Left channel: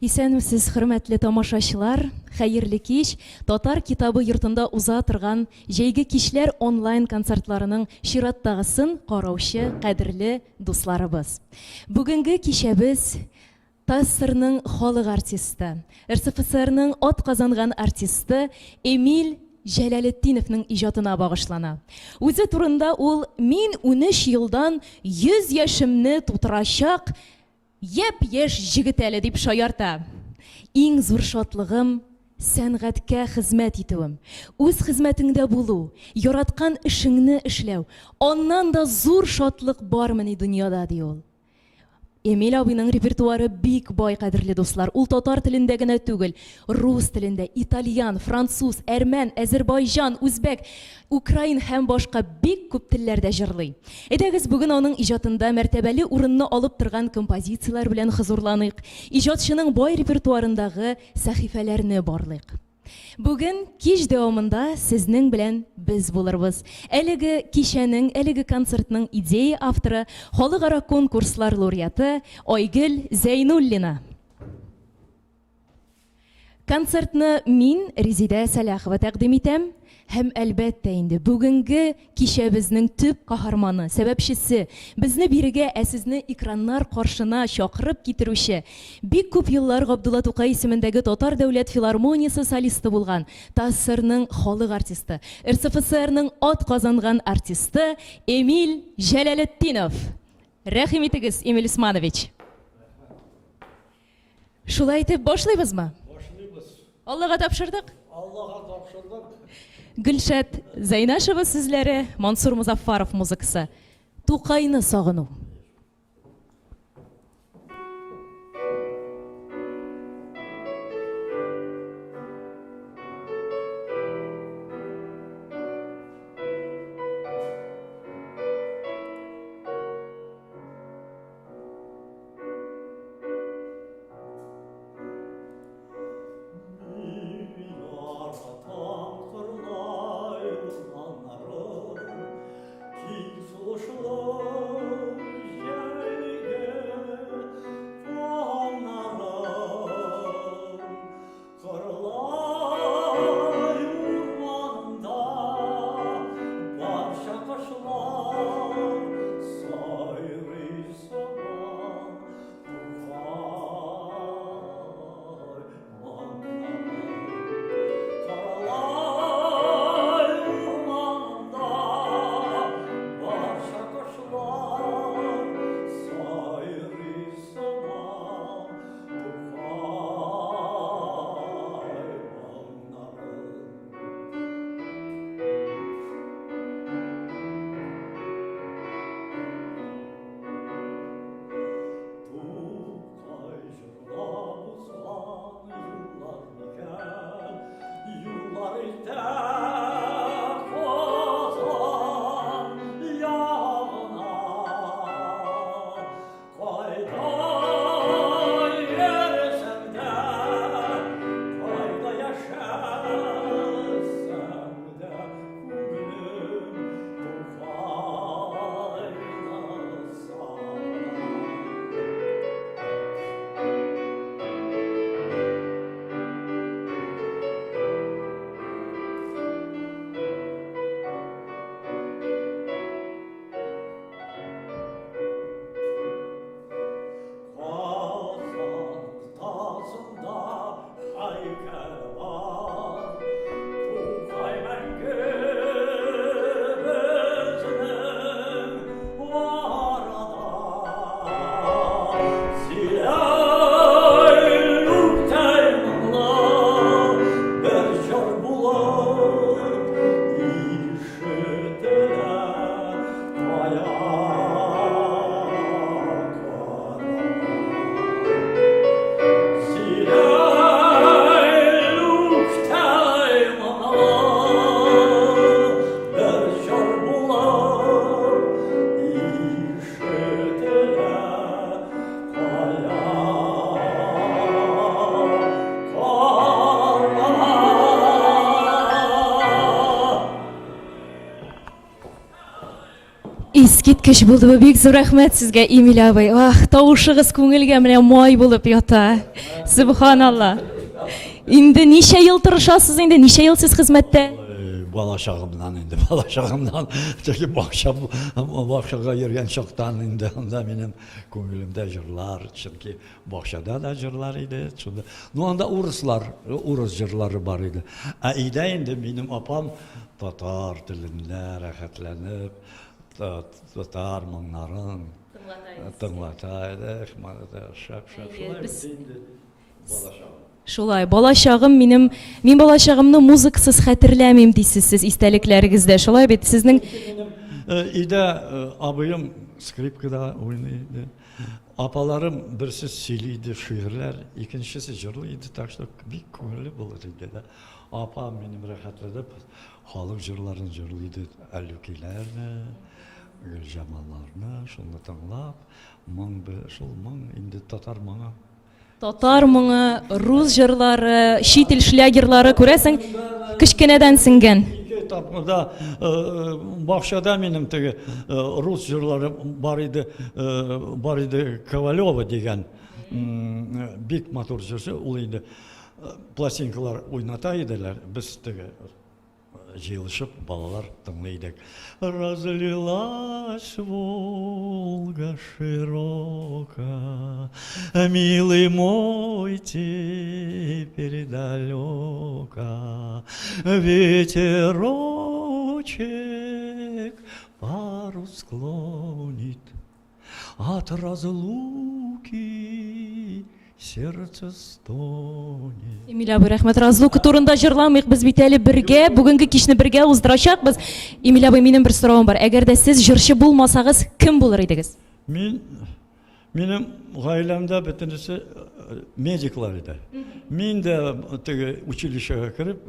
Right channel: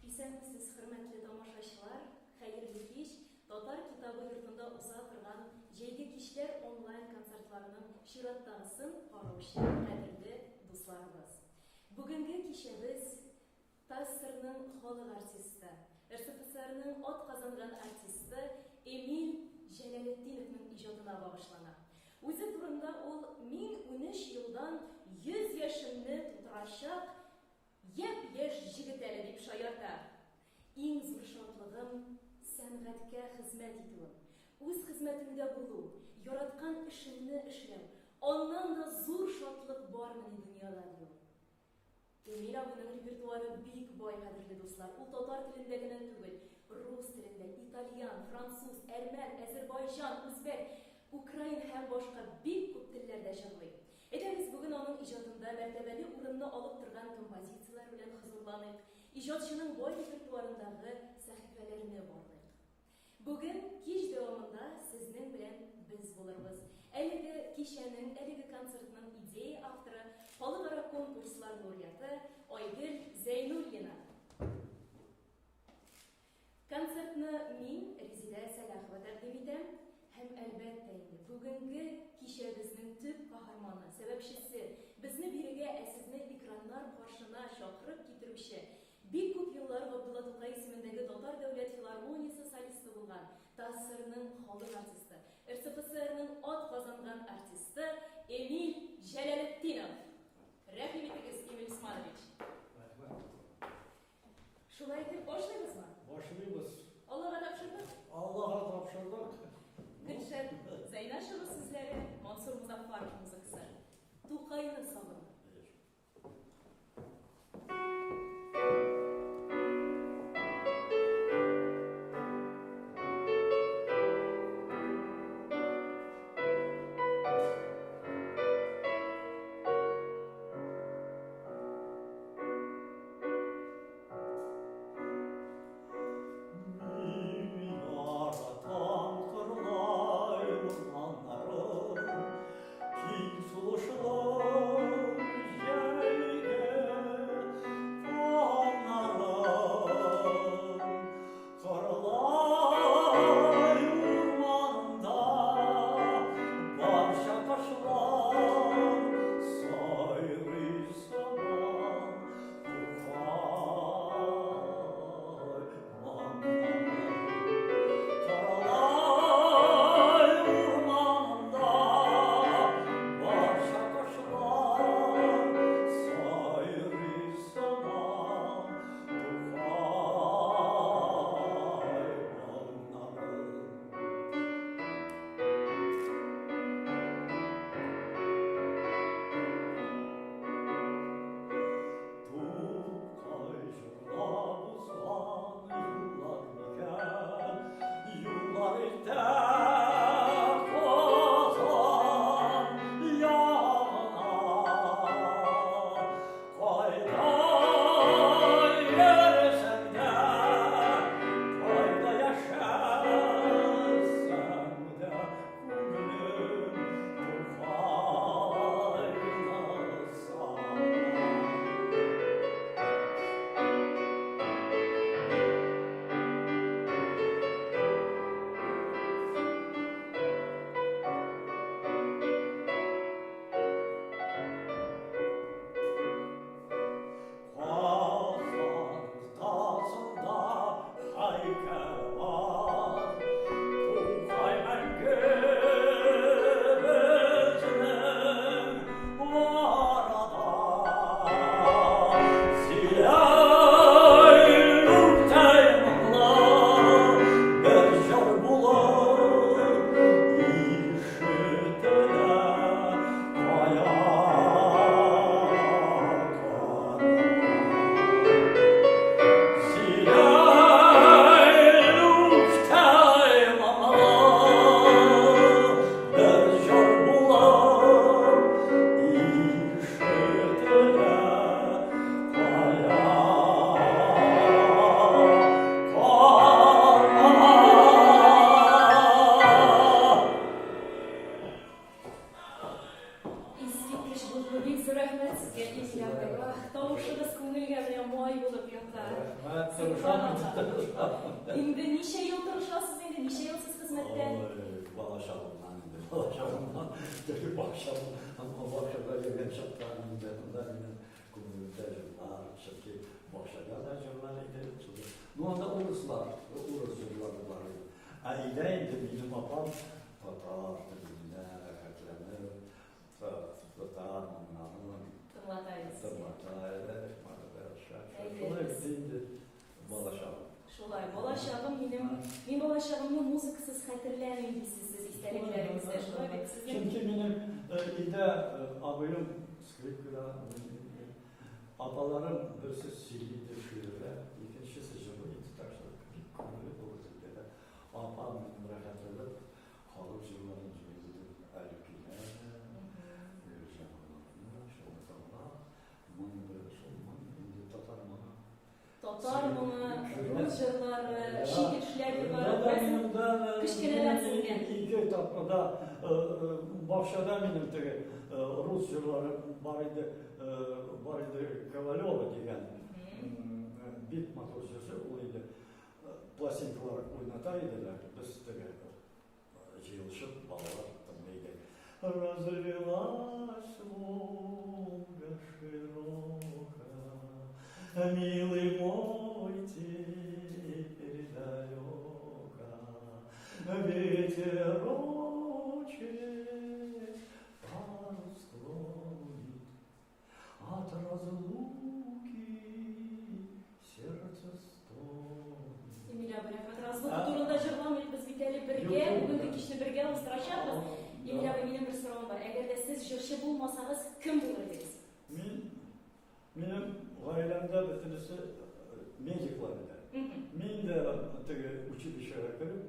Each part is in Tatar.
Исәнмесез, хөрмәтле тамашачылар, хәерле кич. Татар китабы йортында уза торган җәйге кичләр онлайн концертларының чираттагысын караучы кадерле дусларыбыз. Бүгенге кичәбез ТАССРның халык артисты, РСФСРның атказанган артисты Эмиль Җәләлетдиновның иҗатына багышлана. Үзе турында ул «Мин 13 елдан 100 яшемне тутырачак япь-яшь җегет әле» дип шаярта. Иң зур шатлыгым сәнгатькә хезмәт итүем, үз хезмәтеңдә булу, яраткан эшеңне эшләү. Аннан да зур шатлык бармыни дөньяда ди ул. Эмиль абыйның репертуары бик бай, кадерле дуслар. Ул татар телендә генә түгел, рус телендә, итальян, француз, әрмән, әзербайҗан, үзбәк, украин һәм башка бик күп телләрдә җырлый. Әйдәгез бүген аның иҗатында мәртәбәле урынны алып торган композицияләр белән хозурланыйк. Иҗатчының бай репертуарындагы сәхифәләрне барлыйк. Бүген кич дәвамында сезнең белән без булырбыз. Әлеге кичәнең, әлеге концертның идея авторы, халыкара конкурслар лауреаты Айгөл Зәйнуллина. Концертны мин, Резидә Сәләхова, тәкъдим итәм. Һәм әлбәттә инде бүгенге кичәбезнең төп каһарманы, сәбәпчесе, безне бирегә, сезне экраннар каршына чакырып китерүче, бик күп еллар Габдулла Тукай исемендәге Татар дәүләт филармониясе солисты булган, ТАССРның халык артисты, РСФСРның атказанган артисты Эмиль Җәләлетдинов. Рәхим итегез, Эмиль Усманович. Шулай итеп башлыйбызмы? Башлыйбыз. Аллага тапшырдык. Аллага тапшырдык. Гөлшат Зайнашева сүзләре, Мансур Музаффаров музыкасы. Тукайны сагыну. Искиткеч булды бу. Бик зур рәхмәт сезгә, Эмиль абый. Ах, тавышыгыз күңелгә менә май булып ята. Субханалла. Инде ничә ел тырышасыз инде? Ничә ел сез хезмәттә? Bala şağımdan çünkü bakşaga yürüyen çoktan indi onda benim ko'nglimda jırlar çünkü bakşada da jırlar idi şunda no anda Urus jırları var idi ida endi benim apam Tatar dilinde rahatlanıp Tatar monların tыңлатайды şap bala şağım. Шулай, балачагым мин балачагымны музыкасыз хәтерләмим дисез сез истәлекләрегездә. Шулай бит сезнең İde abim skripkada oynaydı. Apalarım birisi siliydi şiirler, ikincisi jırlıydı. Tak что bir ko'ngli bo'ldi dedi. Apam benim rahatladıp halk jırlarını jırlıydı. Әлүкиләрне, Güljamallarны şunu tыңлап, şul indi Tatar моңы. татар моңы, рус җырлары, чит ил шлягерлары күрәсең, кечкенәдән сиңгән. Tapmada Bakşada benim tege Rus jırları var idi Kovalyova degen big motor jırsı olaydı. Plastinkalar oynataydılar. Biz tege jığılışıp balalar tınlaydık. Разлилась Волга широка, милый мой, теперь далека, ветерочек пару склонит от разлуки. Сердце стонет. Эмиль абый, рәхмәт. Разлука турында җырламыйк, без бит әле бергә, бүгенге кичне бергә уздырачакбыз. Эмиль абый, минем бер соравым бар. Әгәр дә сез җырчы булмасагыз, кем булыр идегез? Benim гаиләмдә бөтенесе медиклар иде. Мин дә теге училищега кирип,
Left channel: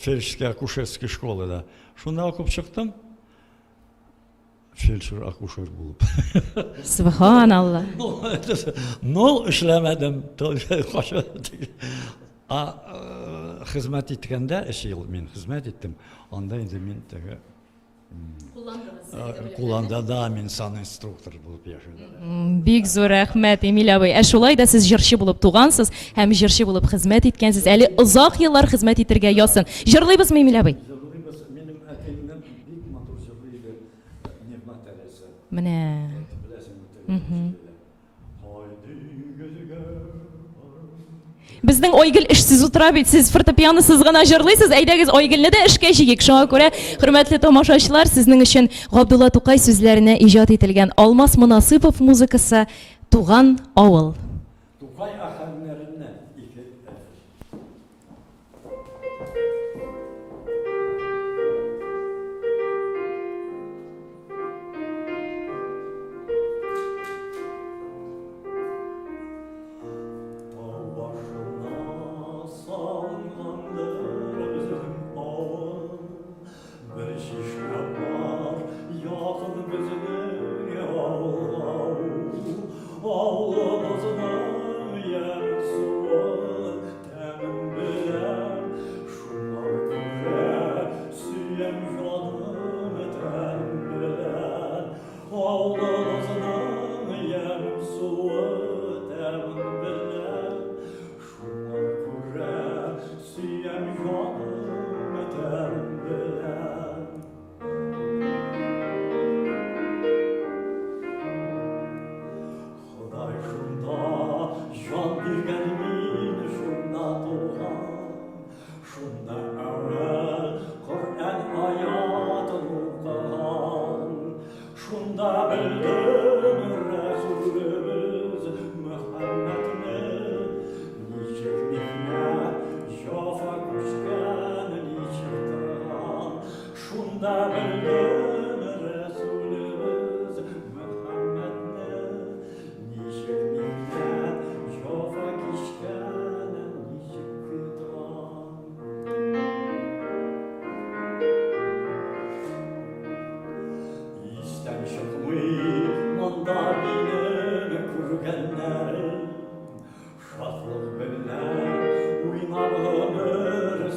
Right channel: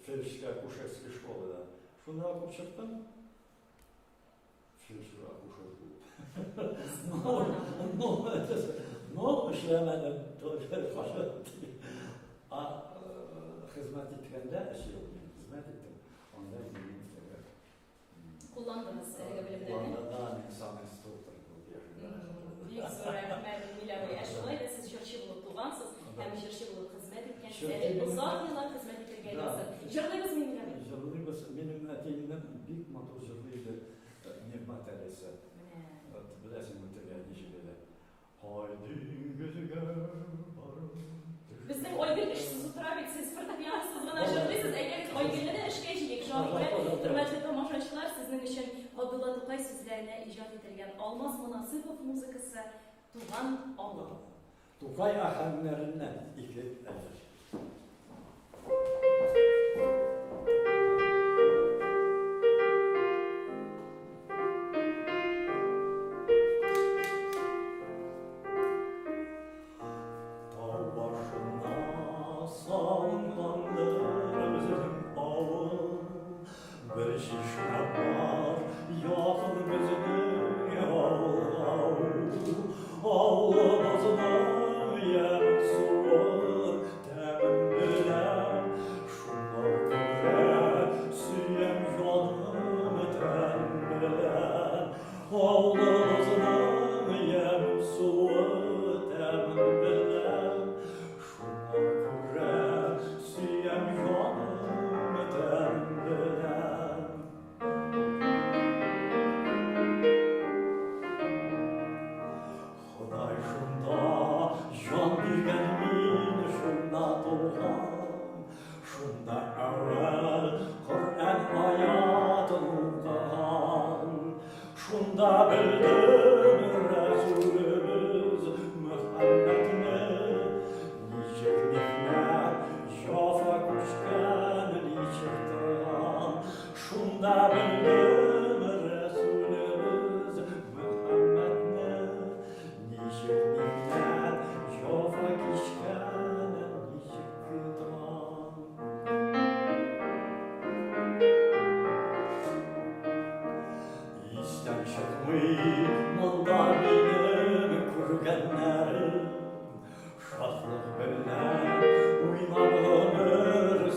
фельдшерская акушерская школада. Шунда укып чыктым. Фельдшер акушер булып. Субханалла. Нол эшләмәдем. Хезмәт иткәндә 3 ел мин хезмәт иттем. Анда инде мин теге Куланда мин сан инструктор булып яшәдем. Бик зур рәхмәт, Эмиль абый. Ә шулай да сез җырчы булып тугансыз һәм җырчы булып хезмәт иткәнсез. Әле озак еллар хезмәт итәргә ясын. Җырлыйбызмы, Эмиль абый? Менә. Безнең Айгөл эшсез утыра бит. Сез фортепианосыз гына җырлыйсыз. Әйдәгез Айгөлне дә эшкә җигик. Шуңа күрә, хөрмәтле тамашачылар, сезнең өчен Габдулла Тукай сүзләренә иҗат ителгән Алмаз Мөнасыйпов музыкасы Туган авыл. Тукай аханнарыннан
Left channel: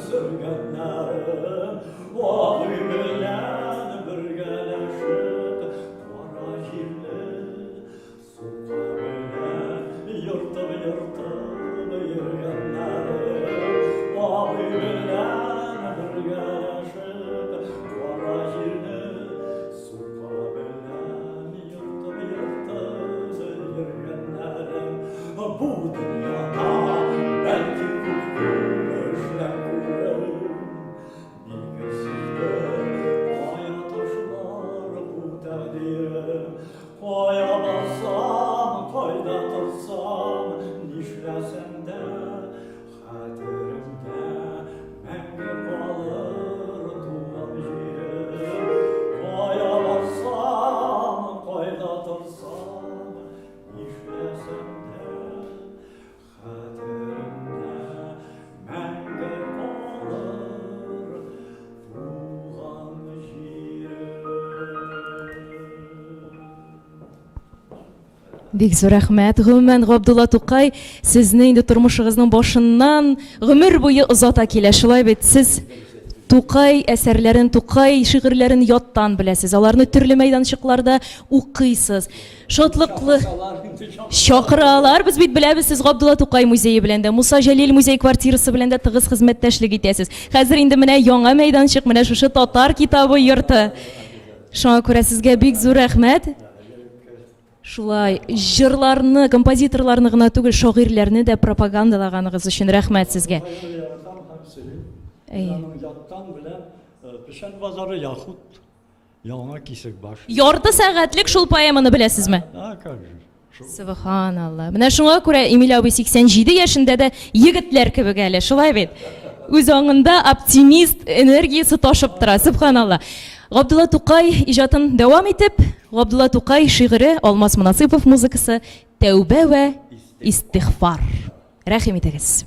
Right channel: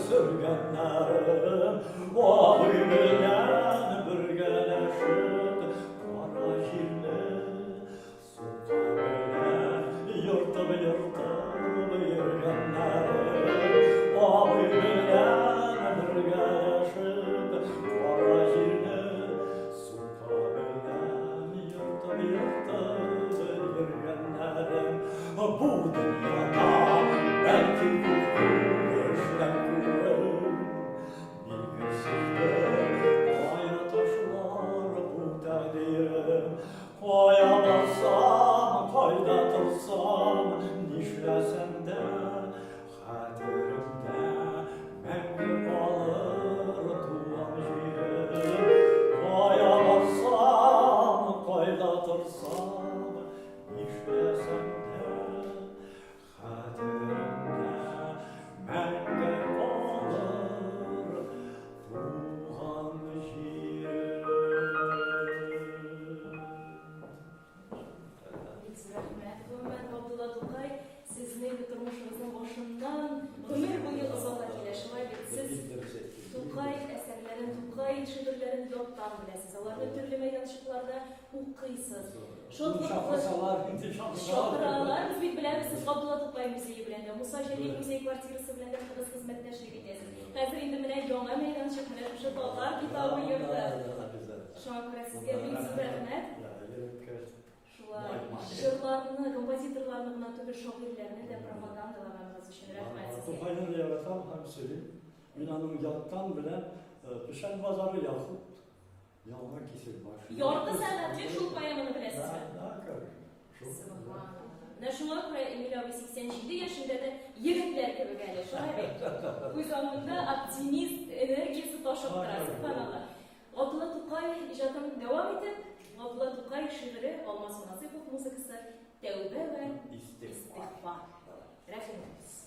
Sürgünlerim, o güllen bir geleşim. Бик зур рәхмәт. Гомумән, Габдулла Тукай, сезне инде тормышыгызның башыннан гомер буе озата килә. Шулай бит, сез Тукай әсәрләрен, Тукай шигырьләрен яттан беләсез. Аларны төрле мәйданчыкларда укыйсыз. Шатлыклы чакыралар. Без бит беләбез, сез Габдулла Тукай музее белән дә, Муса Җәлил музей квартирасы белән дә тыгыз хезмәттәшлек итәсез. Хәзер инде менә яңа мәйданчык, менә шушы татар китабы йорты. Шуңа күрә сезгә бик зур рәхмәт. Шулай җырларны, композиторларны гына түгел, шагыйрьләрне дә пропагандалаганыгыз өчен рәхмәт сезгә. Яттан белән Пешән базары яхут яңа кисек баш. Ярты сәгатьлек шул поэманы беләсезме? Субханалла. Менә шуңа күрә Эмиль абый 87 яшендә дә егетләр кебек әле, шулай бит. Үз аңында оптимист энергиясе ташып тора. Субханалла. Габдулла Тукай иҗатын дәвам итеп, Габдулла Тукай шигыре, Алмаз Мөнасыйпов музыкасы Тәүбә вә истигъфар. Рәхим итегез.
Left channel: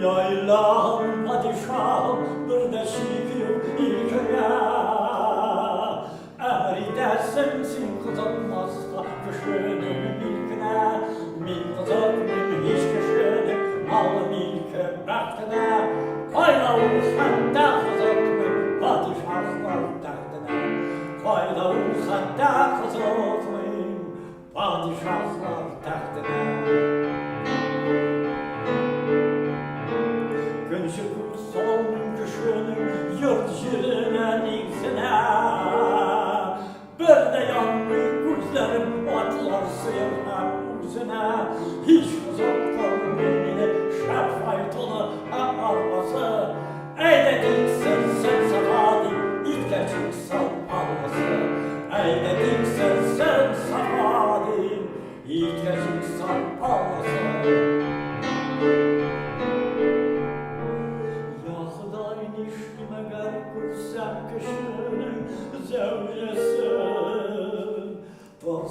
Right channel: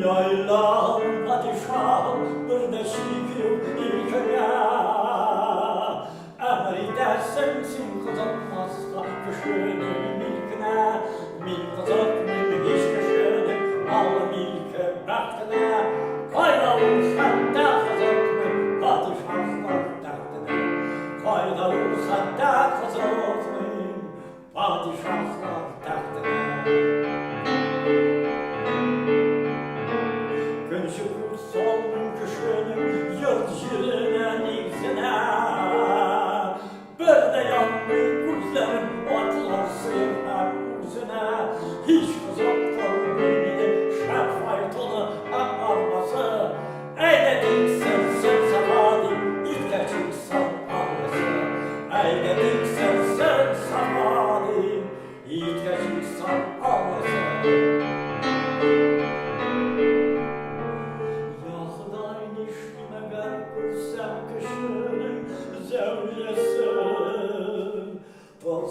Yaylan padişahım bir de şükür ilkeye Emri dersin sin kızartmazsa kışının ilkine Min kızartmın hiç kışının malı milke bəxtine Kaynalı hatta kızartmın padişahlar dəxtine Kaynalı hatta kızartmın padişahlar dəxtine Gönşükür solmun kışının yurt jirine nigzine Bir de yanlı gözlerim atlar sıyır hep uzine Hiç uzak kalmini şef faytonu hep arması Eyledik sırsın safadi itke çıksan anması Eyledik sırsın safadi itke çıksan anması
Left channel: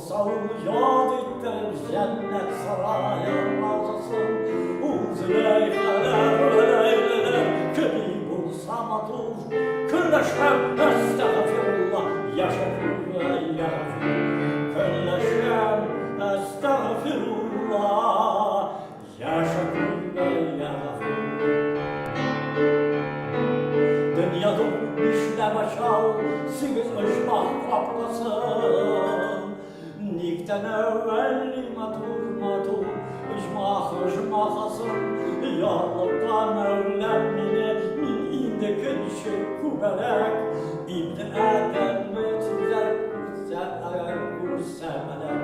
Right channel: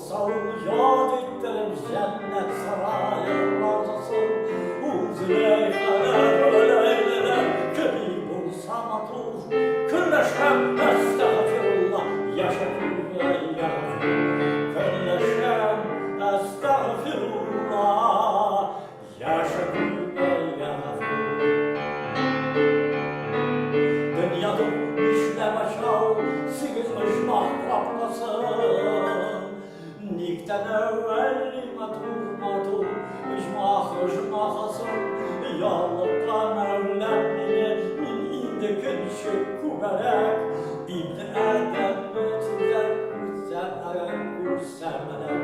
Sağ yad ettim cennet sarayı razısın Uzleyfeler öleyleler Kimi bulsam atur Külleşem estağfirullah Yaşafir ve yağfir Külleşem estağfirullah Yaşafir ve yağfir Dünyada işle başal Sigiz ışmak kaplasın Nikten evvel matur ıcmahasın Yallıkta mevlemmini min indekin şekkuberek İbn Adem ve tüzer kursemelek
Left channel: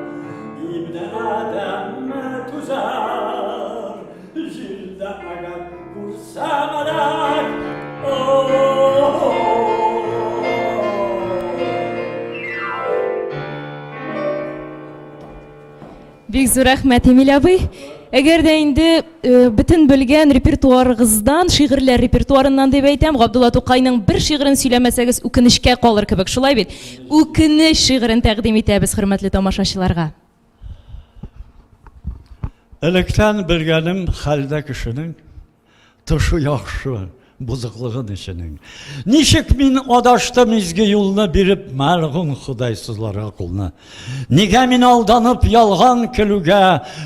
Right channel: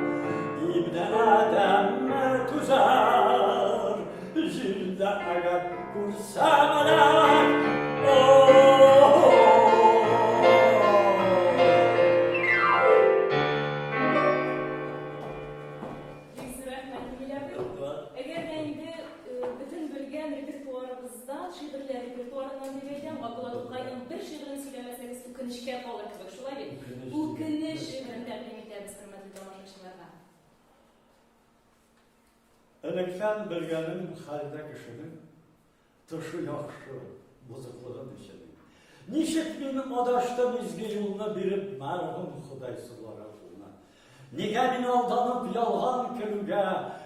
İbn Adem ve tüzer Jilde agar kursemelek Бик зур рәхмәт, Эмиль абый. Әгәр дә инде бөтен белгән репертуарыгыздан, шигырьләр репертуарыннан дип әйтәм, Габдулла Тукайның бер шигырен сөйләмәсәгез, үкенечкә калыр кебек. Шулай бит. Үкенеч шигырен тәкъдим итәбез хөрмәтле тамашачыларга. Электән белгәнем хәлдә кешенең тышы яхшы бузыклыгын иченең. Ничек мин адаштым изге юлны биреп мәргүм Худайсызларга кулны. Нигә мин алданып ялган көлүгә,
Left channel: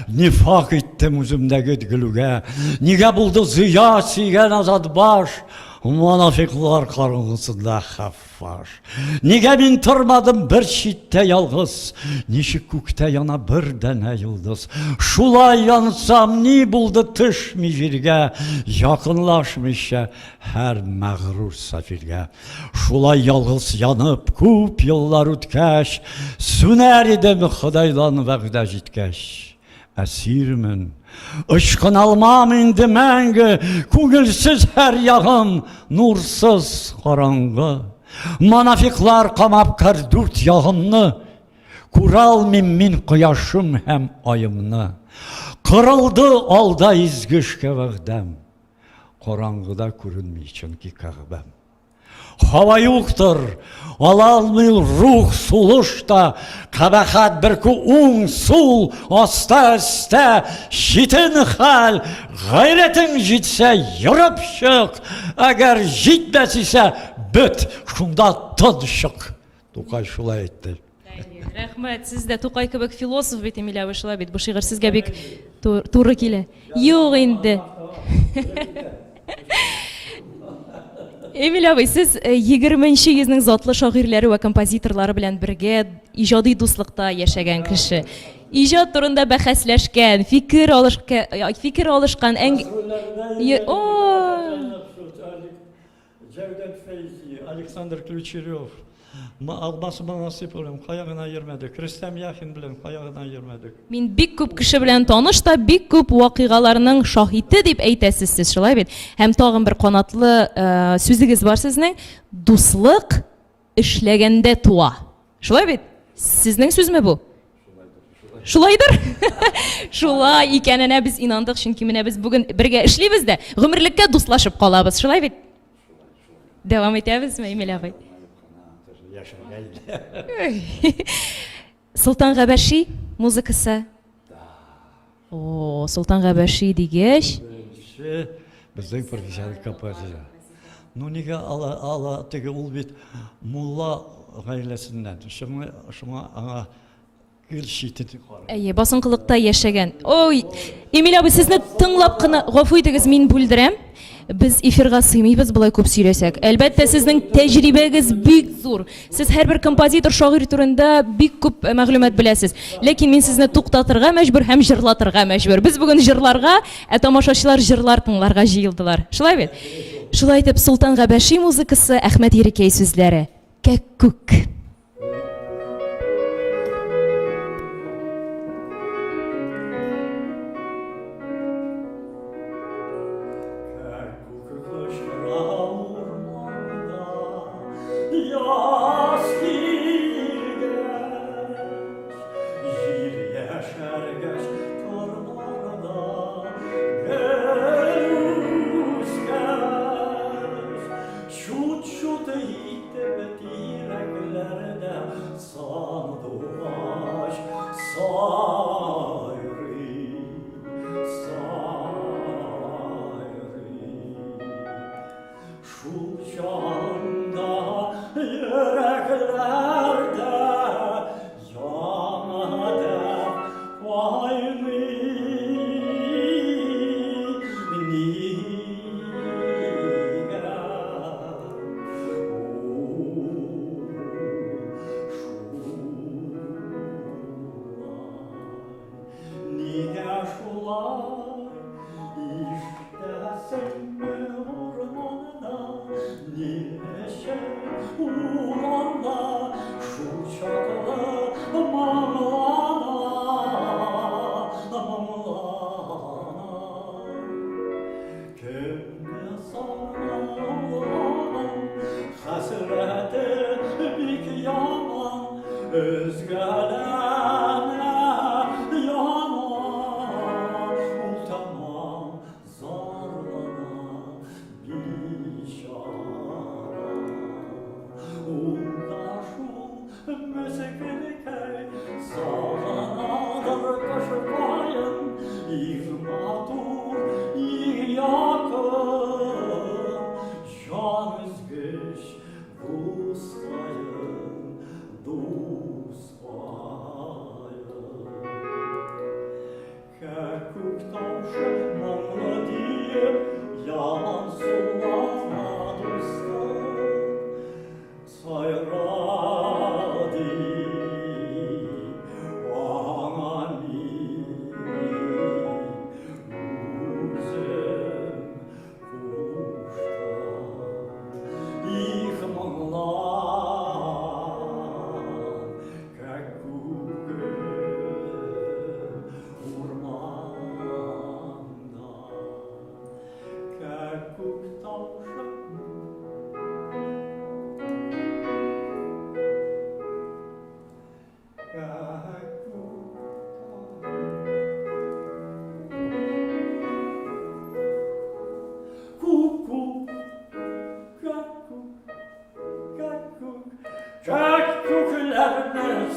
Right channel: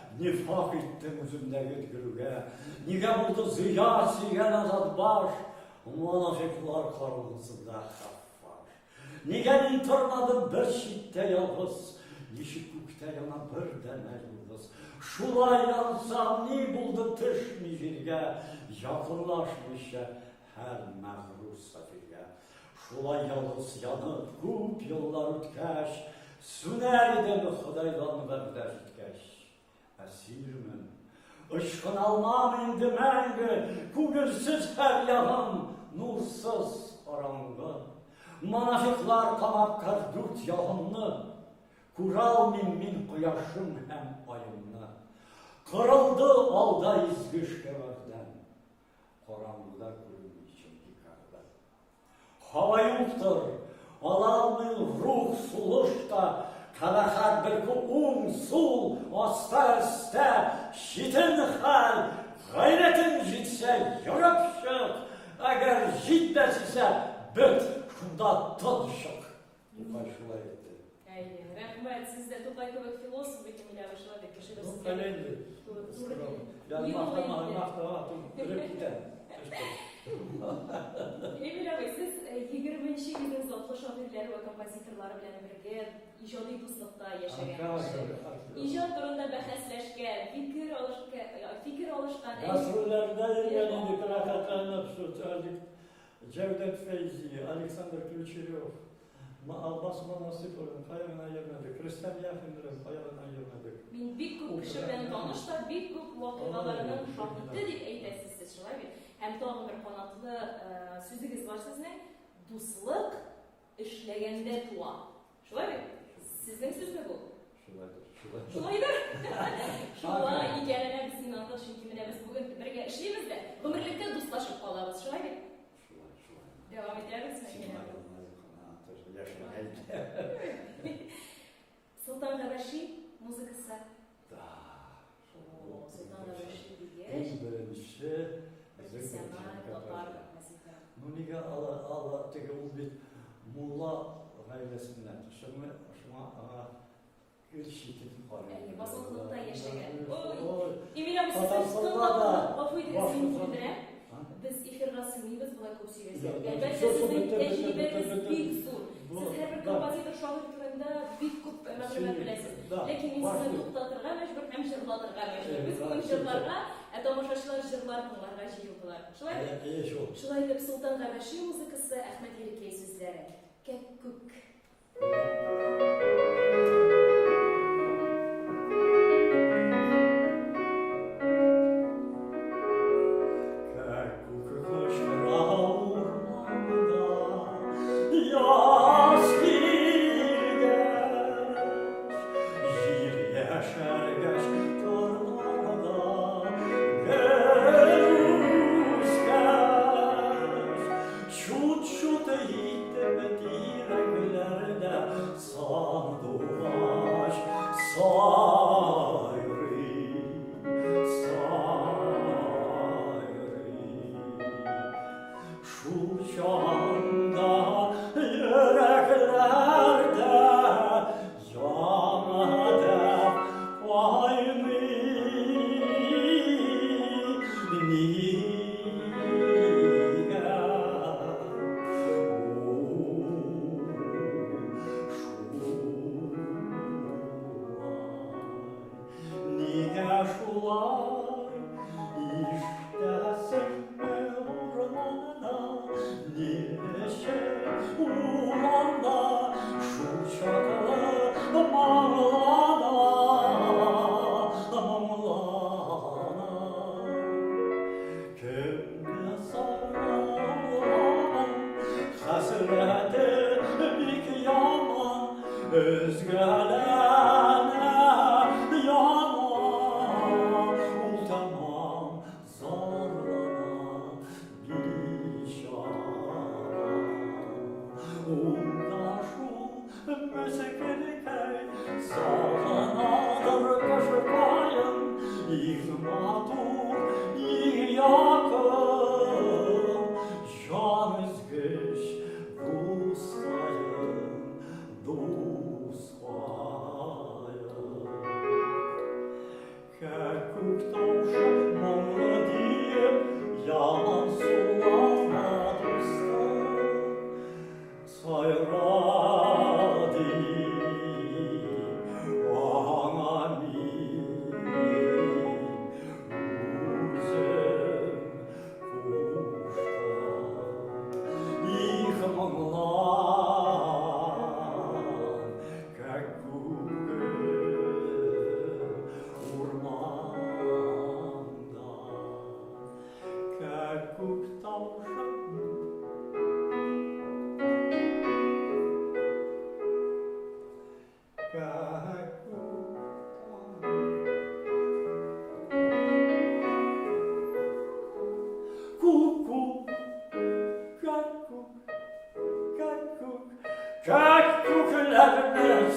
нифак иттем үземдәге гөлүгә. Нигә булды зыя сөйгән азат баш, монафиклар караңгысында хаффаш. Нигә мин тормадым бер читтә ялгыз, ничек күктә яна бер дәнә йолдыз. Шулай янсам ни булды төшми җиргә, якынлашмыйча һәр мәгърур сафиргә. Шулай ялгыз янып күп еллар үткәч, сүнәр идем Худайдан вәгъдә җиткәч. Әсирмен, ышкын алмам инде мәңге, күңелсез һәр ягым, нурсыз караңгы. Монафиклар камап кер дүрт ягымны, күралмыйм мин кояшым һәм айымны. Кырылды алда изгешкә вәгъдәм, караңгыда күренми чөнки Кәгъбәм. hava yoktur. Ala almıyor ruh suluşta, kabahat bir ku sul, asta asta, şitin hal, gayretin jitse yürüp çık, eğer jitmez ise büt, şunda tadışık. Tokay şulay etti. Рәхмәт, сез дә Тукай кебек философ бит Эмилия шулай бит. Бу шигырь сезгә бик туры килә. Юк инде. Эмиль абый, сез 20-нче йөзнең затлы шагыйрьләре ва композиторлары белән бергә иҗади дуслыкта яшәгән кеше. Иҗат турында бәхәсләшкән, фикер алышкан Cevdet Feyzi, Alexander Ключерев, Almasıma nasip olun, kayağına yermedik. Rüstem Yakin bilen kayağına yermedik. Мин бик күп кеше белән таныш та, бик күп вакыйгаларның шаһиде дип әйтәсез сез, шулай бит. Һәм тагын бер канатлы сүзегез бар сезнең, дуслык эшләгәндә туа. Шулай бит? Сезнең сүзме бу? Шулайдыр. Шулай икәненә без инандык, чөнки менә без бүген бергә эшлибез дә, гомерлеккә дуслашып калабыз. Шулай бит? Devam edəbizmi Emil ağay? Sultan Qəbəşi muzikası. O, Sultan Qəbəşi degəş. Bizden profesyonel kapatıyor. Ну неге ала теге ул бит мулла гаиләсеннән. Шуңа аңа гел шитет. Әйе, басынкылыкта яшәгән. Ой, Эмиль абый, сезне тыңлап кына гафу итегез, мин бүлдерәм. Без эфирга сыймыйбыз болай күп сөйләсәк. Әлбәттә, сезнең тәҗрибәгез бик зур. Сез һәрбер композитор, шагыйрь турында бик күп мәгълүмат беләсез. Ләкин мин сезне туктатырга мәҗбүр һәм җырлатырга мәҗбүр. Без бүген җырларга, тамашачылар җырлар тыңларга җыелдылар. Шулай бит? Шулай итеп, Султан Qəbəşi музыкасы, Әхмәт Ерекәй сүзләре. Кәккүк.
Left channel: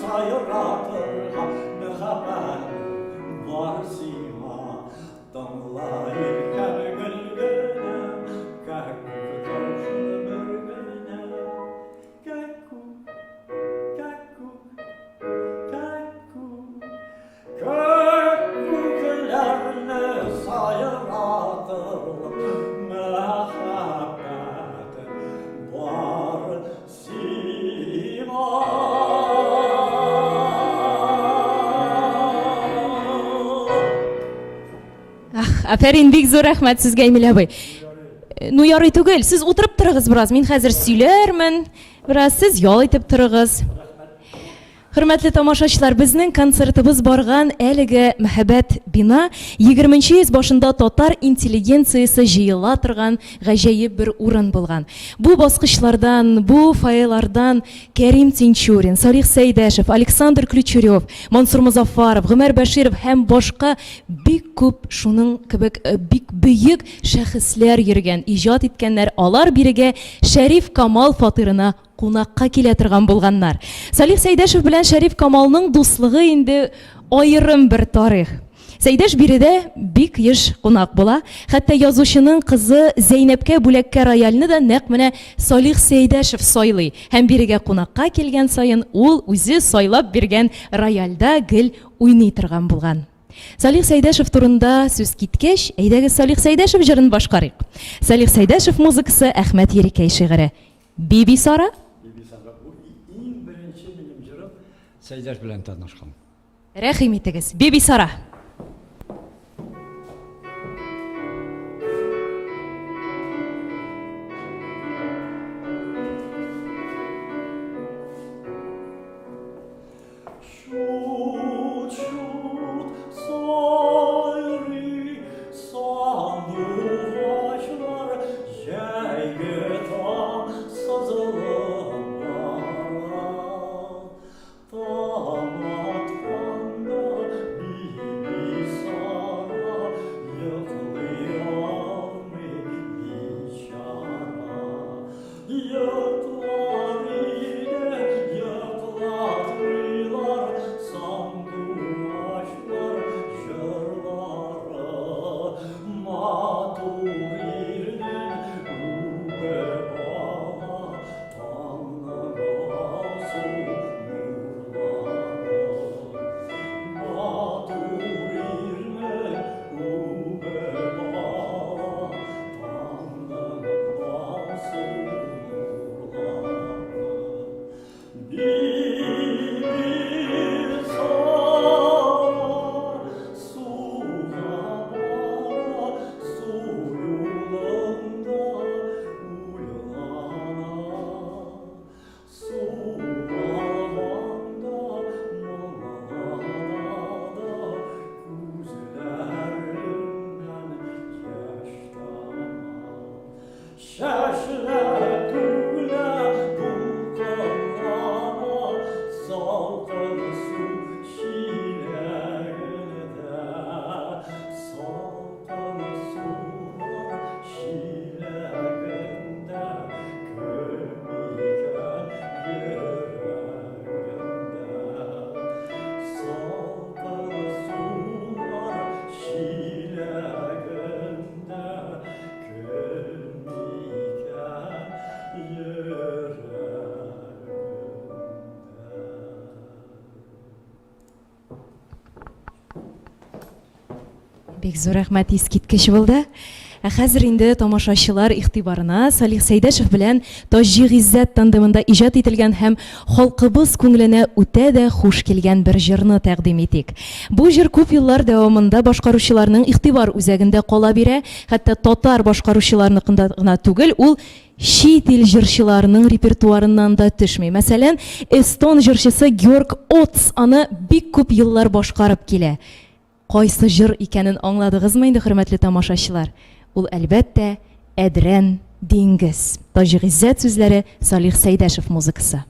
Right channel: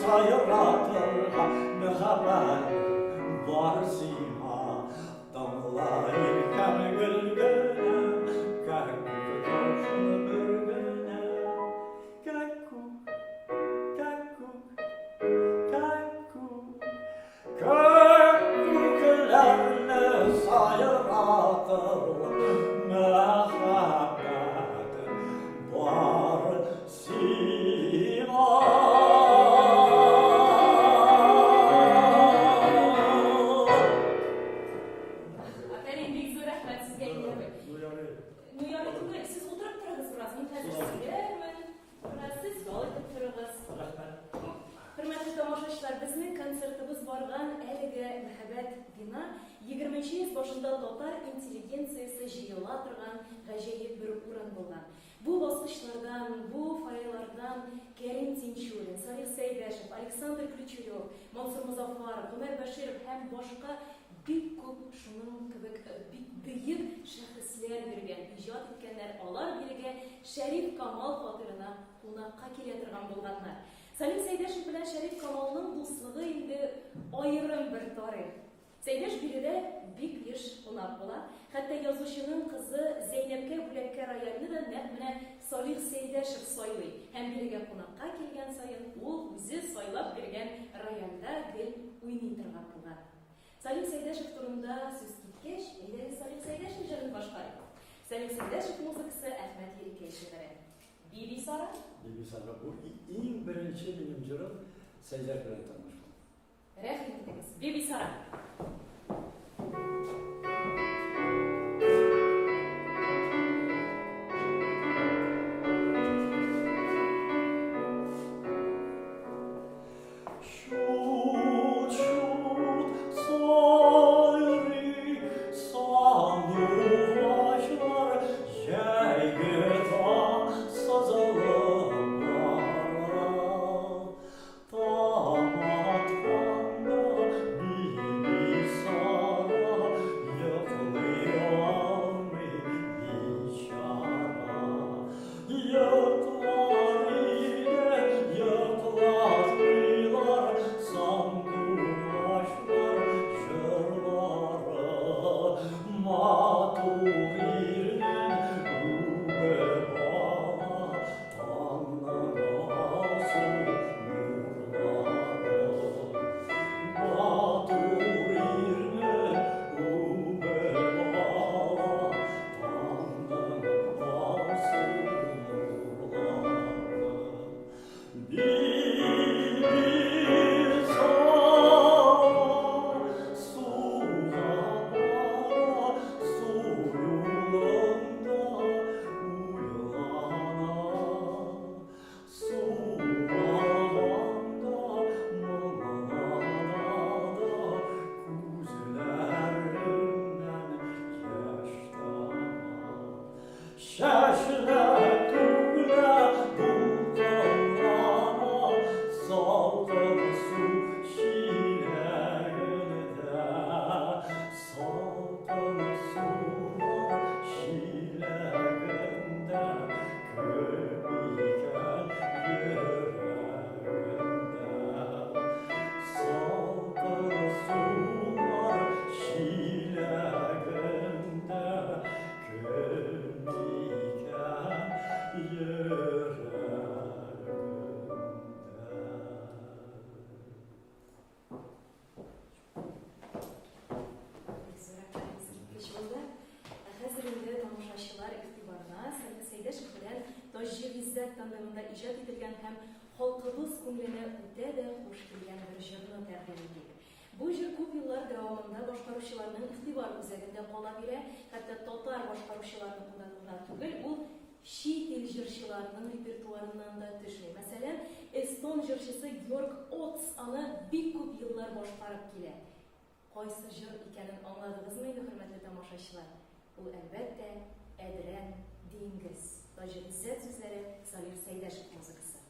сайратырга мөхәббәт бар сиңа тыңлайыр һәм гөлгенем кәккүк таушыны бөргенем кәккүк кәккүк кәккүкләрне сайратыр мөхәббәт бар сиңа. Афәрин, бик зур рәхмәт сезгә, Эмиль абый. Ну ярый түгел, сез утырып торыгыз бераз, мин хәзер сөйләрмен. Бераз сез ял итеп торыгыз. Хөрмәтле тамашачылар, безнең концертыбыз барган әлеге мәхәббәт бина 20-нче йөз башында татар интеллигенциясе җыела торган гаҗәеп бер урын булган. Бу баскычлардан, бу файлардан Кәрим Тинчурин, Салих Сәйдәшев, Александр Ключерев, Мансур Музафаров, Гомәр Бәширов һәм башка бик күп шуның кебек бик бөек шәхесләр йөргән, иҗат иткәннәр. Алар бирегә Шәриф Камал фатирына кунакка килә торган булганнар. Салих Сәйдәшев белән Шәриф Камалның дуслыгы инде аерым бер тарих. Сәйдәш биредә бик еш кунак була. Хәтта язучының кызы Зәйнәпкә бүләккә рояльны да нәкъ менә Салих Сәйдәшев сайлый. Һәм бирегә кунакка килгән саен ул үзе сайлап биргән рояльдә гел уйный торган булган. Салих Сәйдәшев турында сүз киткәч, әйдәгез Салих Сәйдәшев җырын башкарыйк. Салих Сәйдәшев музыкасы, Әхмәт Ерикәй шигыре. Биби Сара. Иң беренче минем җырым Сәйдәш белән танышкан. Рәхим итегез. Биби Сара. Бик зур рәхмәт искиткеч булды. Хәзер инде тамашачылар игътибарына Салих Сәйдәшев белән Таҗи Гыйззәт тандемында иҗат ителгән һәм халкыбыз күңеленә үтә дә хуш килгән бер җырны тәкъдим итик. Бу җыр күп еллар дәвамында башкаручыларның игътибар үзәгендә кала бирә, хәтта татар башкаручыларныкында гына түгел, ул чит ил җырчыларының репертуарыннан да төшми. Мәсәлән, эстон җырчысы Георг Отс аны бик күп еллар башкарып килә. Кайсы җыр икәнен аңладыгызмы инде, хөрмәтле тамашачылар? Ул әлбәттә Әдрән диңгез. Таҗи Гыйззәт сүзләре, Салих Сәйдәшев музыкасы.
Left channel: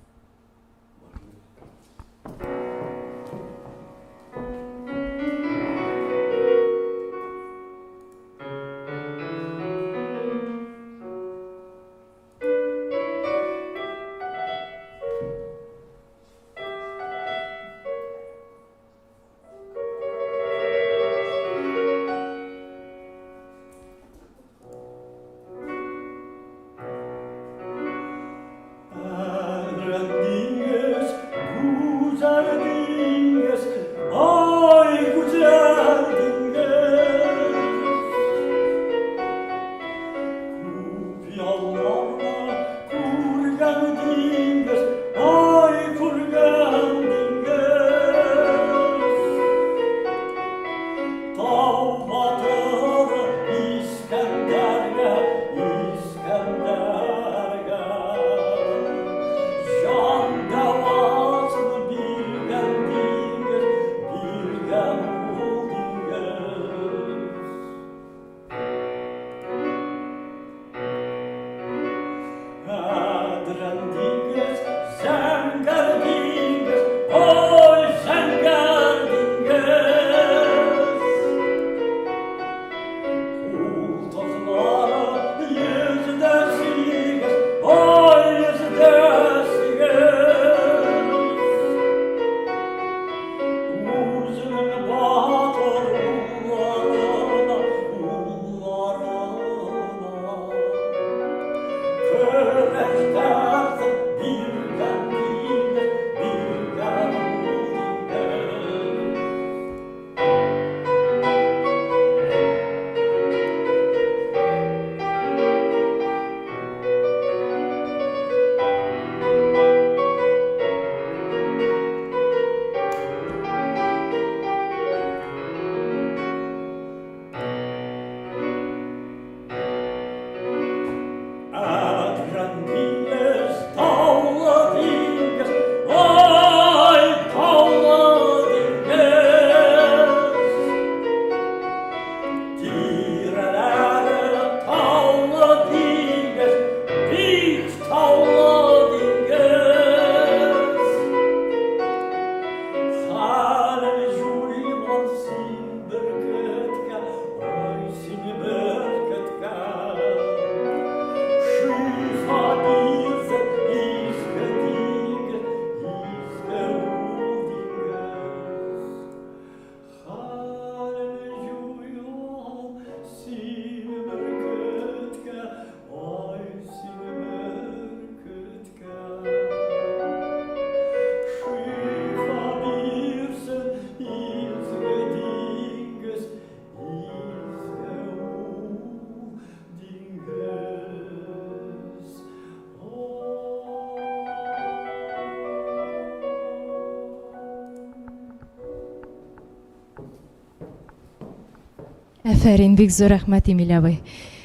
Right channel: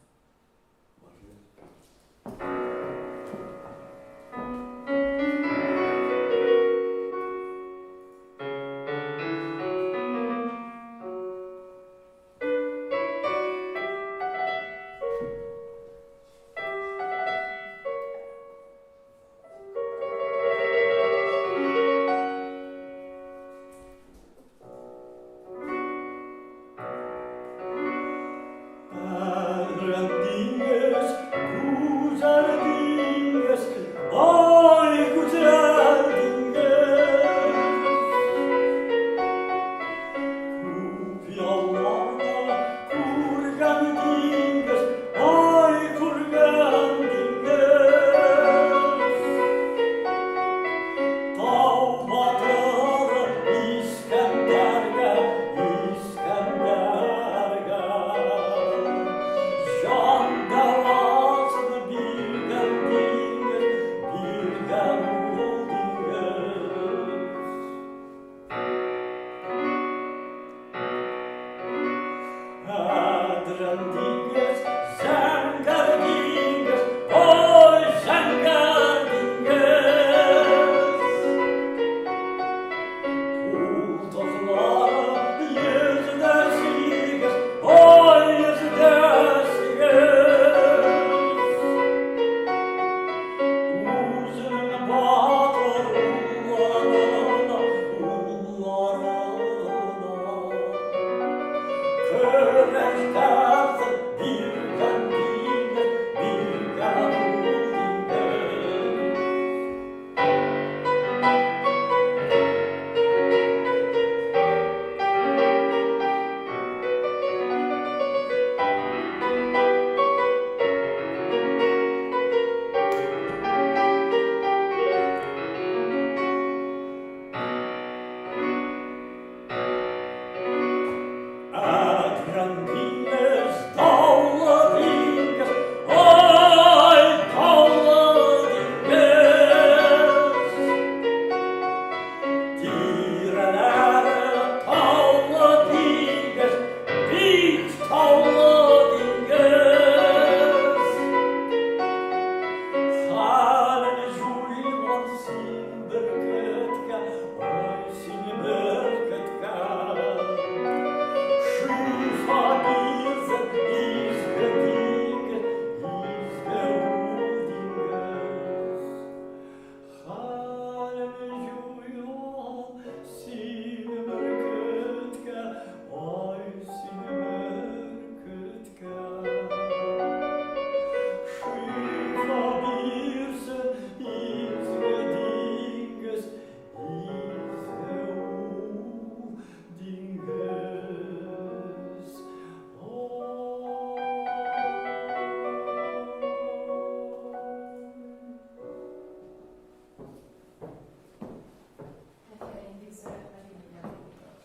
Әфәрин, бик зур рәхмәт, Эмиль абый.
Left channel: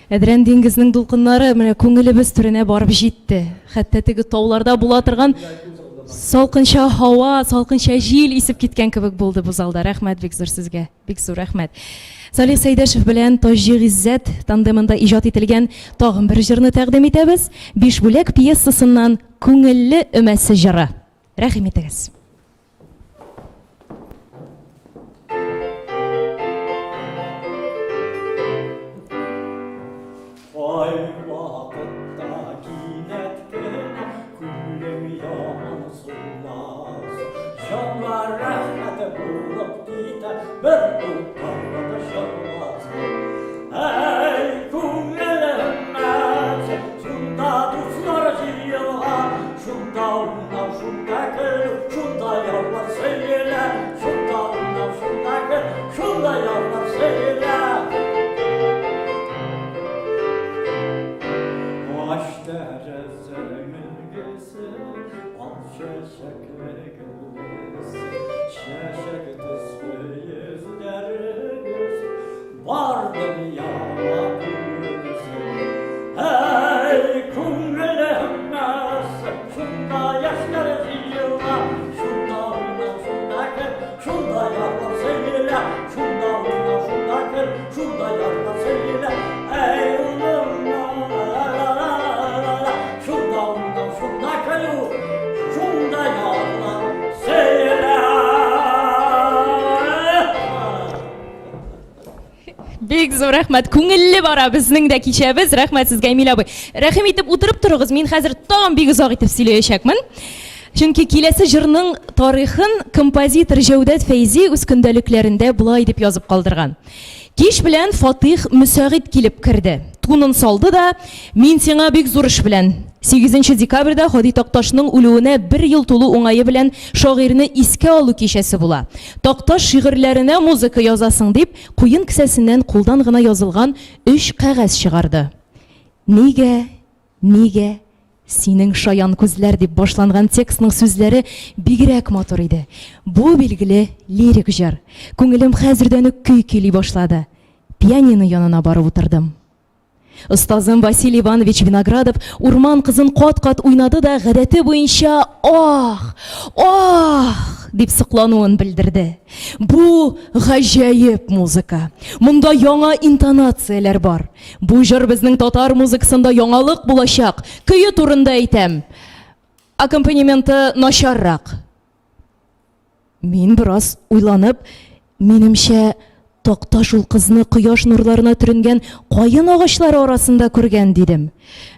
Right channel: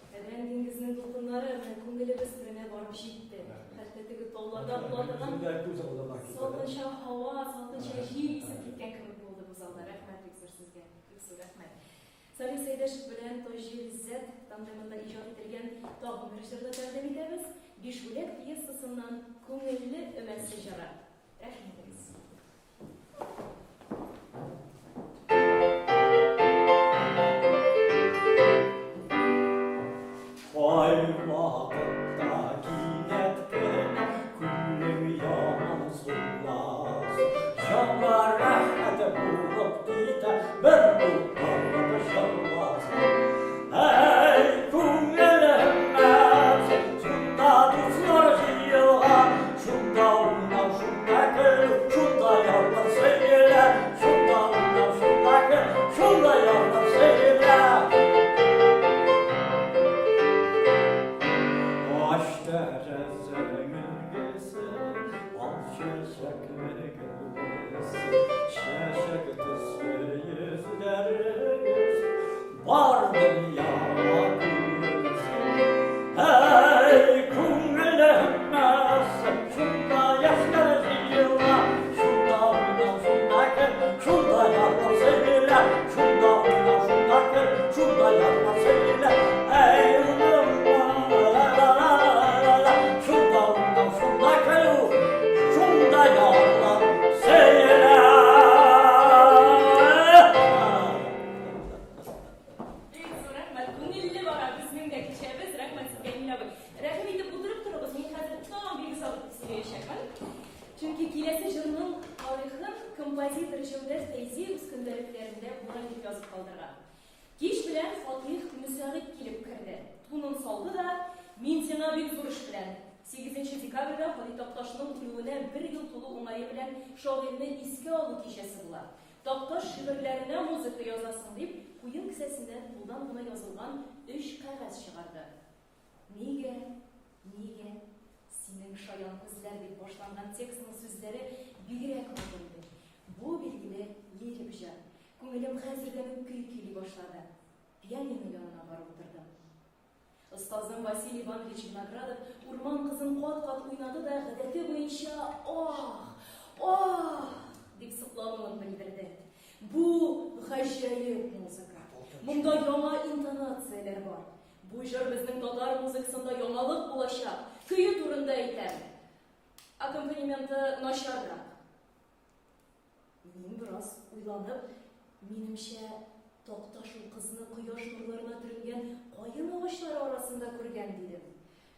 Әдрән диңгезнең дулкыннары менә күңелебез түренә барып җитте. Хәтта теге тауларда була торган салкынча һава, салкынча җил исеп киткән кебек булды бу залда. Рәхмәт бик зур сезгә. Бик зур рәхмәт. Салих Сәйдәшев белән Таҗи Гыйззәт тандемында иҗат ителгән тагын бер җырны тәкъдим итәбез. 5 бүләк пьесасыннан Күңелле өмәсе җыры. Рәхим итегез. Бик зур рәхмәт. Күңелле бара безнең дә кичәбез. Рәхмәт сезгә, Эмиль абый. Рәхим итеп утырып торыгыз. Мин хәзер тагын бик озак итеп сөйләячәкмен. Чөнки киләсе җырның тарихын композитор Җәүдәт Фәйзи үз көндәлекләрендә булай дип язып калдырган. Кич белән Фатих Мөсәгыйть килеп керде. Тунын салды да, мин сиңа бик зур эш белән. 8 декабрьдә Ходый Такташның үлүенә 1 ел тулу уңае белән шагыйрьне искә алу кичәсе була. Такташ шигырьләренә музыка язасың дип, куен кесәсеннән кулдан гына язылган 3 кәгазь чыгарды. Нигә синең шаян күзләр дип башланган текстның сүзләре бигрәк матур иде. Бу билгеле лирик җыр. Күңелем хәзердән үк көй көйли башлады. Пианино янына барып утырдым. Остазым Василий Иванович Виноградов урман кызын кат-кат уйнады да гадәте буенча ох дип сыклануын белдерде. Бу гаҗәеп музыка. Монда яңа интонацияләр бар. Бу җыр безнең татар музыкасында яңалык булачак. Көе турында әйтәм. Аккомпанементы начаррак. Мин бераз уйланып, минемчә Такташ ул кызны кояш нурларына төренгән каен агачлары арасында күргән дидем.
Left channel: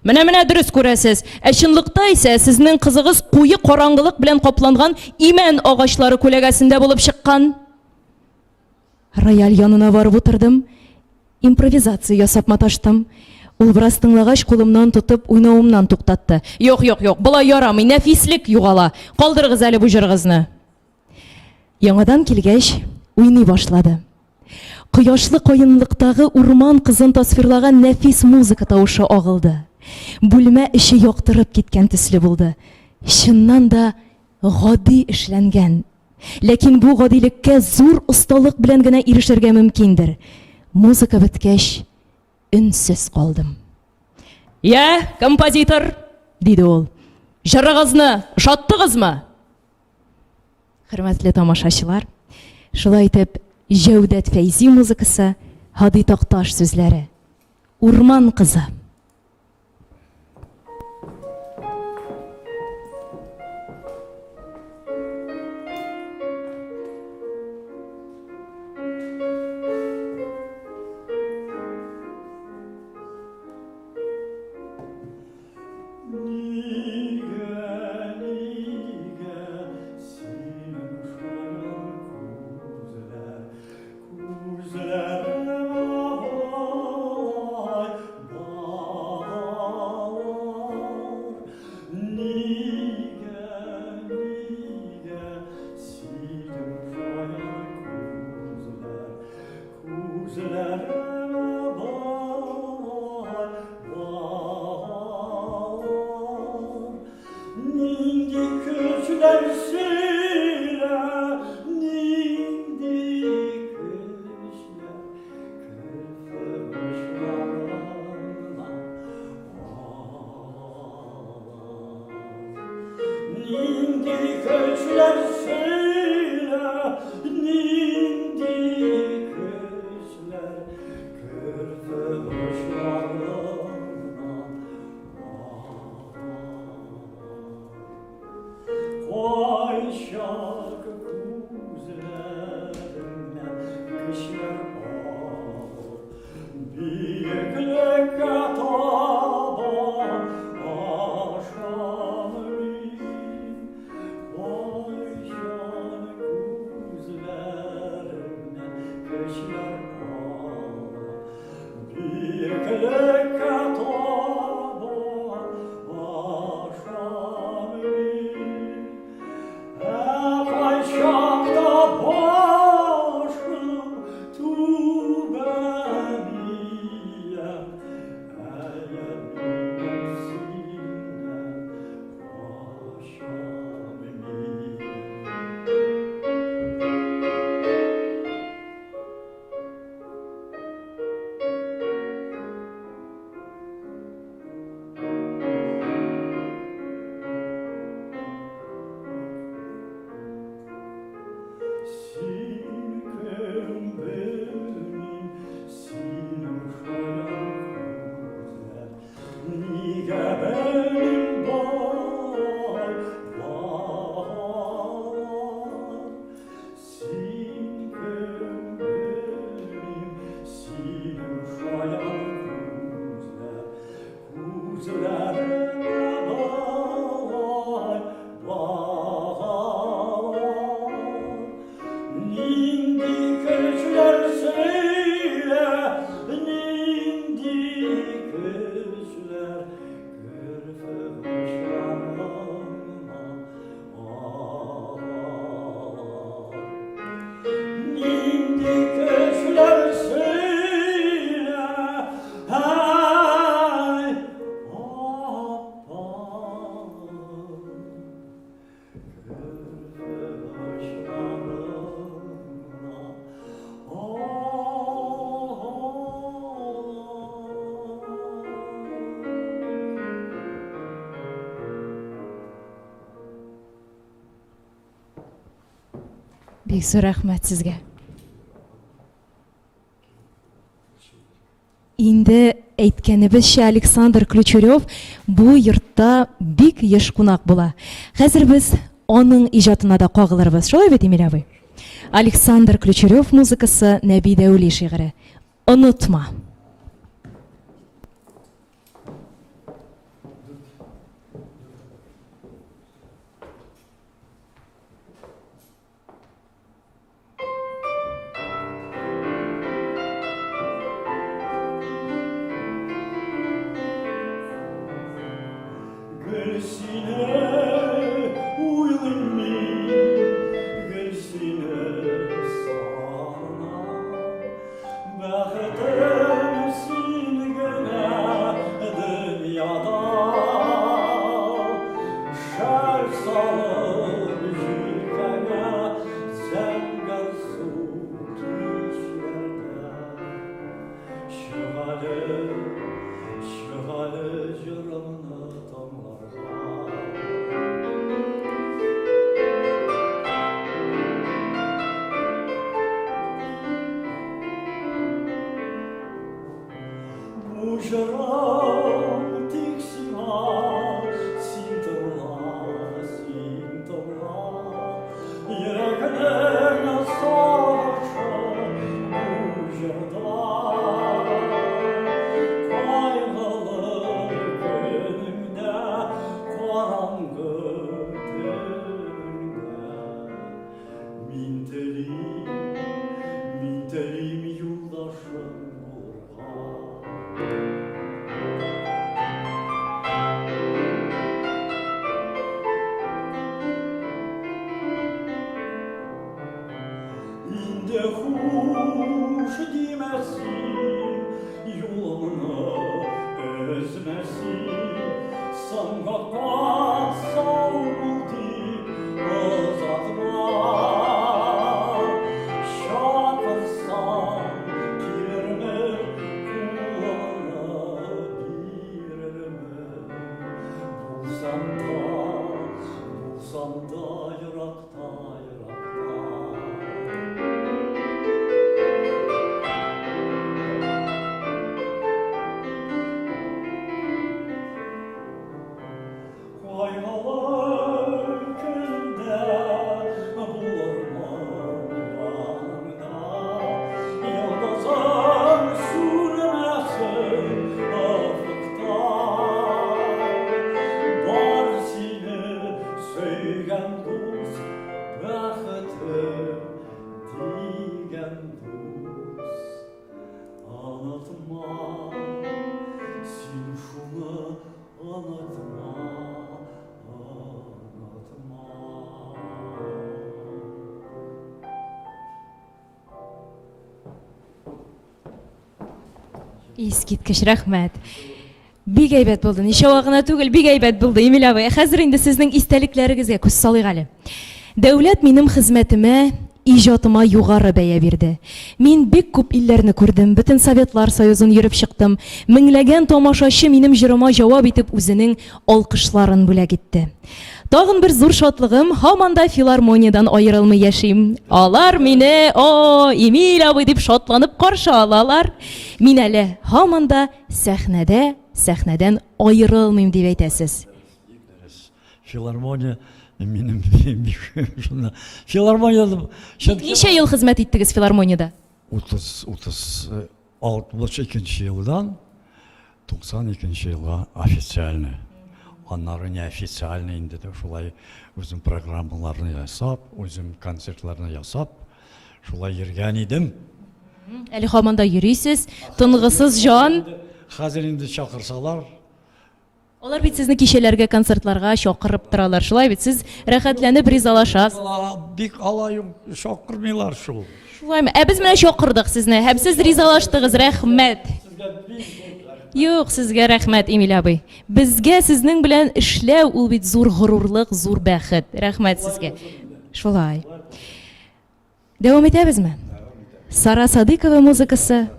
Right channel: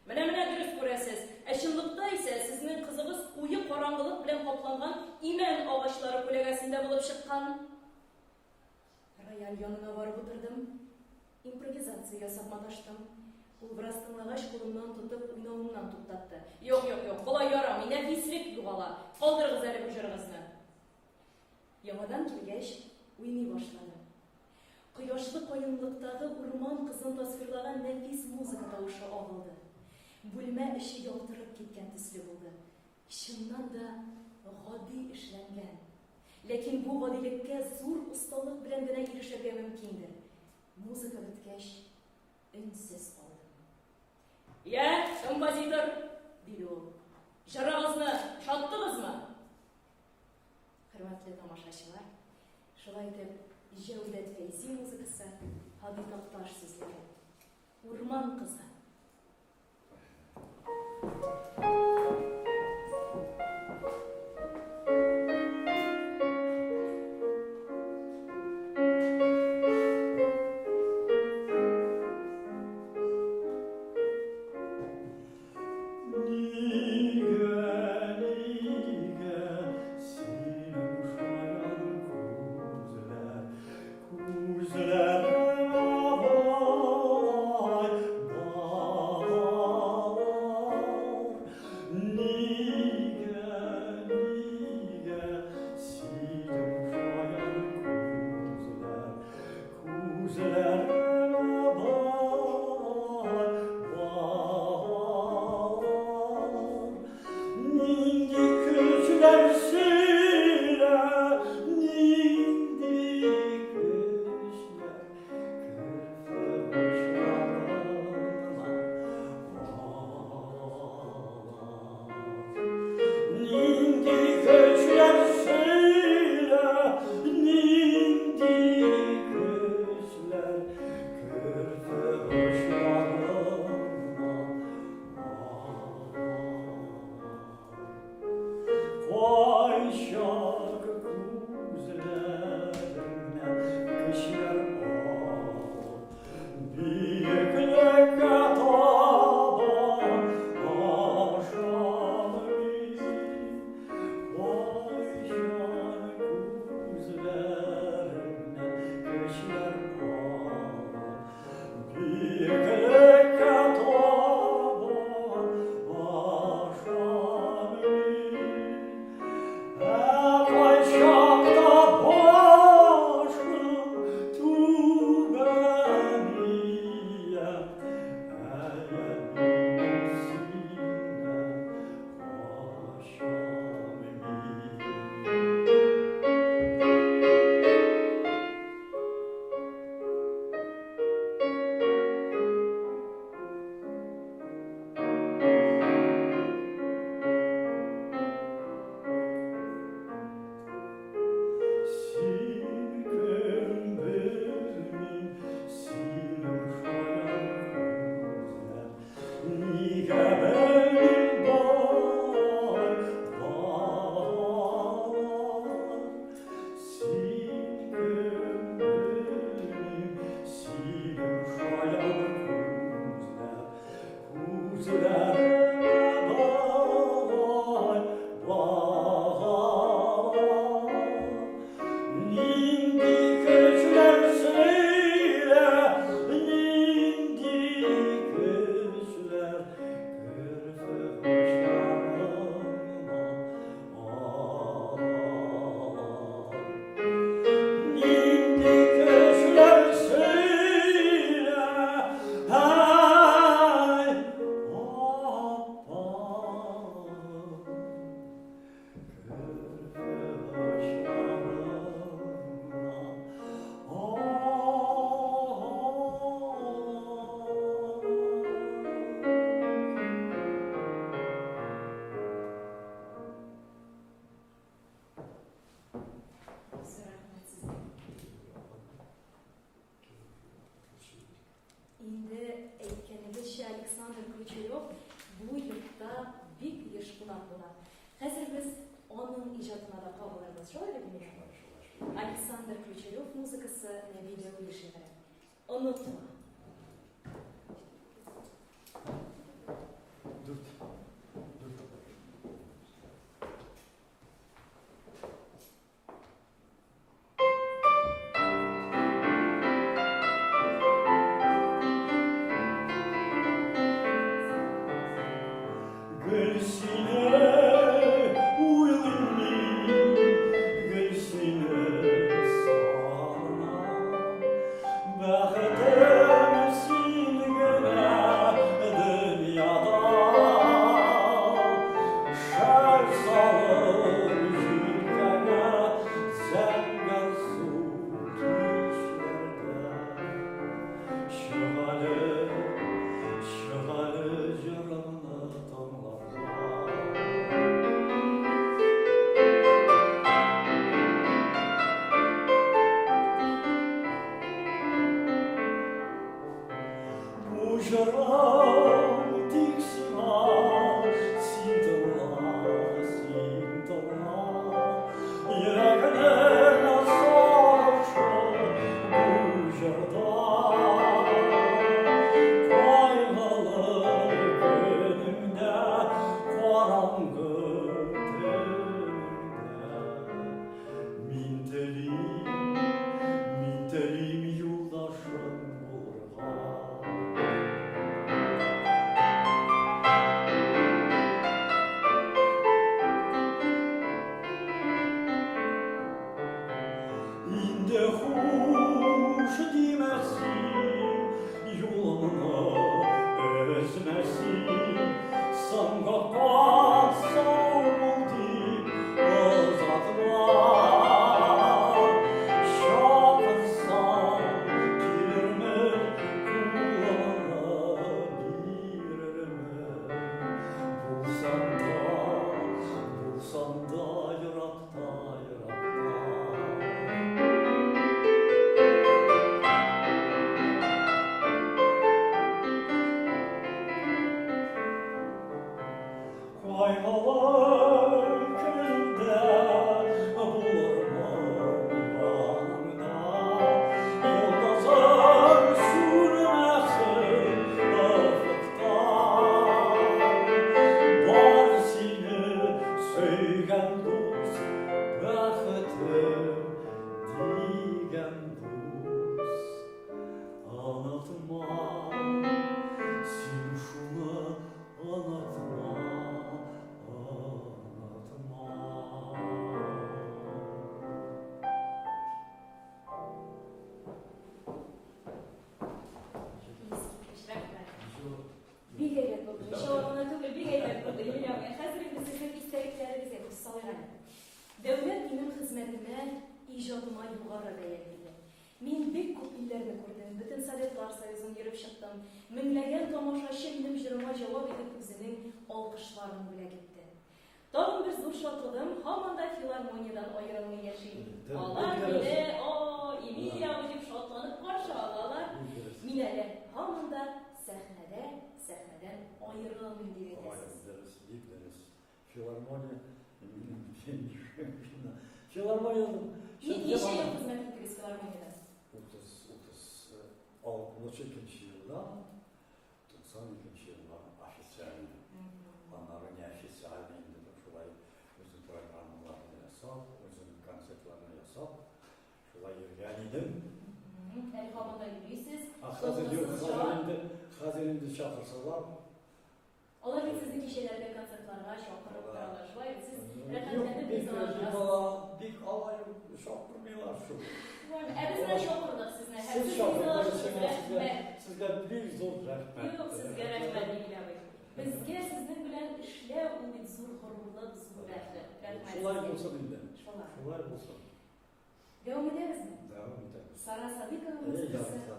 Менә дөрес күрәсез. Ә чынлыкта исә сезнең кызыгыз куе караңгылык белән капланган имән агачлары күләгәсендә булып чыккан. Рояль янына барып утырдым. Импровизация ясап маташтым. Ул бераз тыңлагач кулымнан тотып уйнавымнан туктатты. Юк, булай ярамый, нәфислек югала. Калдырыгыз әле бу җырыгызны. Яңадан килгәч, уйный башлады. Кояшлы каенлыктагы урман кызын тасвирлаган нәфис музыка тавышы агылды. Бүлмә эче яктырып киткән төсле булды. Чыннан да гади эшләнгән. Ләкин бу гадилеккә зур осталык белән генә ирешергә мөмкиндер. Музыка беткәч, үнсез калдым. Я, композитор, диде ул. Җырыгызны ошаттыгызмы? Хөрмәтле тамашачылар, шулай итеп Җәүдәт Фәйзи музыкасы, Ходый Такташ сүзләре. Урман кызы. Бик зур рәхмәт сезгә. Инде әйткәнебезчә, Александр Ключерев бу йортта бик еш кунак була. Хәзер без аның иҗатына да кагылырбыз. Шулай бит, Эмиль абый? Александр Ключерев музыкасы, Нәби Дәүли шигыре. Онытма. Искиткеч рәхмәт. Бик әйбәт булды. Ничә вакытна түгел, бик әйбәт булды, Эмиль абый. Хәзер инде сезнең истәлекләрегезгә күз салыйк әле. Дәүләт минем хезмәтемә, иҗатыма югары бәя бирде. Мин бик күп илләрне күрдем, бөтен Советлар Союзын йөреп чыктым. Меңләгән тамашачы минем җырыма җавап итеп үзенең алкышларын бүләк итте. Тагын бер зур шатлыгым, һаман да филармониядән аерылмый яшим. Алар мине, Эмиль абый дип шатланып каршы алалар. Мин әле һаман да сәхнәдән аерылмыйм дип әйтәсез. Филармония минем филармонияда Ничә ел хезмәт иттегез филармониядә? 62 елдан 92 елга официальный. Аннары неофициальный инде дә шулай үзем программаларны ясап, үзем концертларны ясап, шулай йөргән идем. Әле һаман да йөрисез, тынгысыз жан. Хәзер инде чакырсалар. Алар бит сезне кичәләргә, концертларга чакырып торалар. Шулай бит сез рәхәтләнеп ризалашасыз. Бик алай чакырмыйлар шул. Шулаймы? Без менә чакырдык сезне. Һәм сез ризалаштыгыз. Рәхмәт. Юк, сезгә рәхмәт, Эмиль абый. Безгә сезнең белән эшләү ул бит зур горурлык, зур бәхет. Рәхмәт сезгә. Шулай. Дәвам итәбезме? Сара Садыкова музыкасы.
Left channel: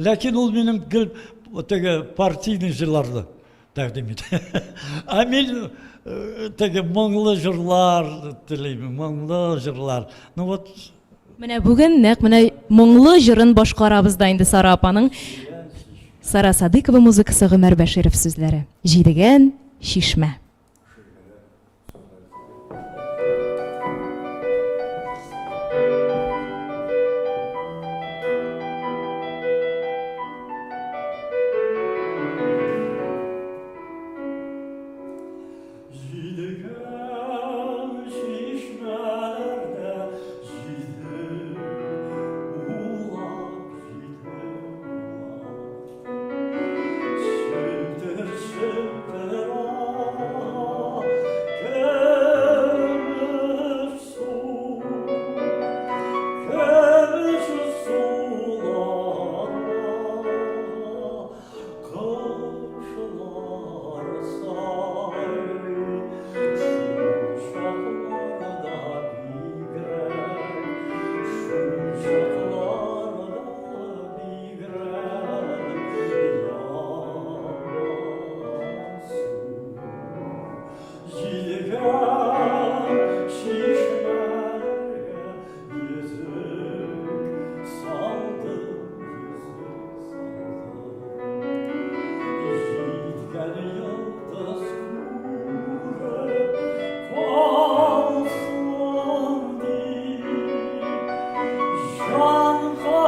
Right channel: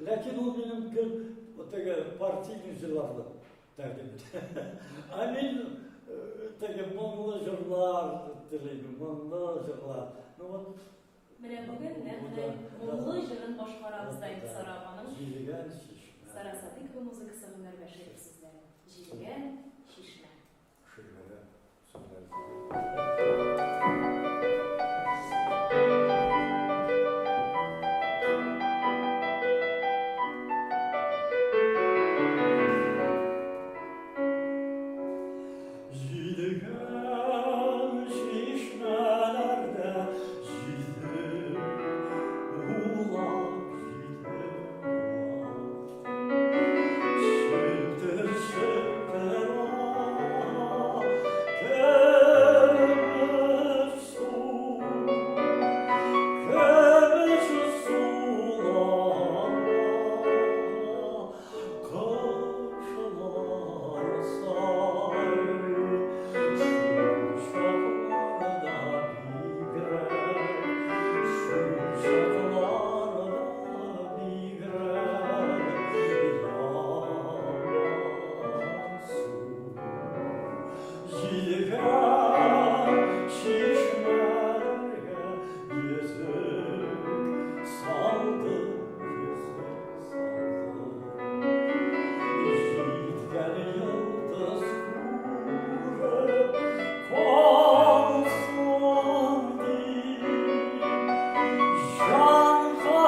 Ләкин ул минем гел теге партийный җырларны тәкъдим итә. Ә мин теге моңлы жырлар телеймін, моңлы жырлар. Ну вот, Менә бүген нәкъ менә моңлы җырын башкарабыз да инде Сара апаның. Сара Садыкова музыкасы, Гомәр Бәширов сүзләре. Җидегән шишмә. Җидегән шишмәләрдә җиде улак, шелтер шелтер көмеш су, көмеш суларга коşular say, şuşaklarda bigrer, şuşaklarda bigrer, yansın. Җидегән шишмәләргә йөзек салды, йөзек saldı. Җиткән йолдыз күреп калсын дип, җанга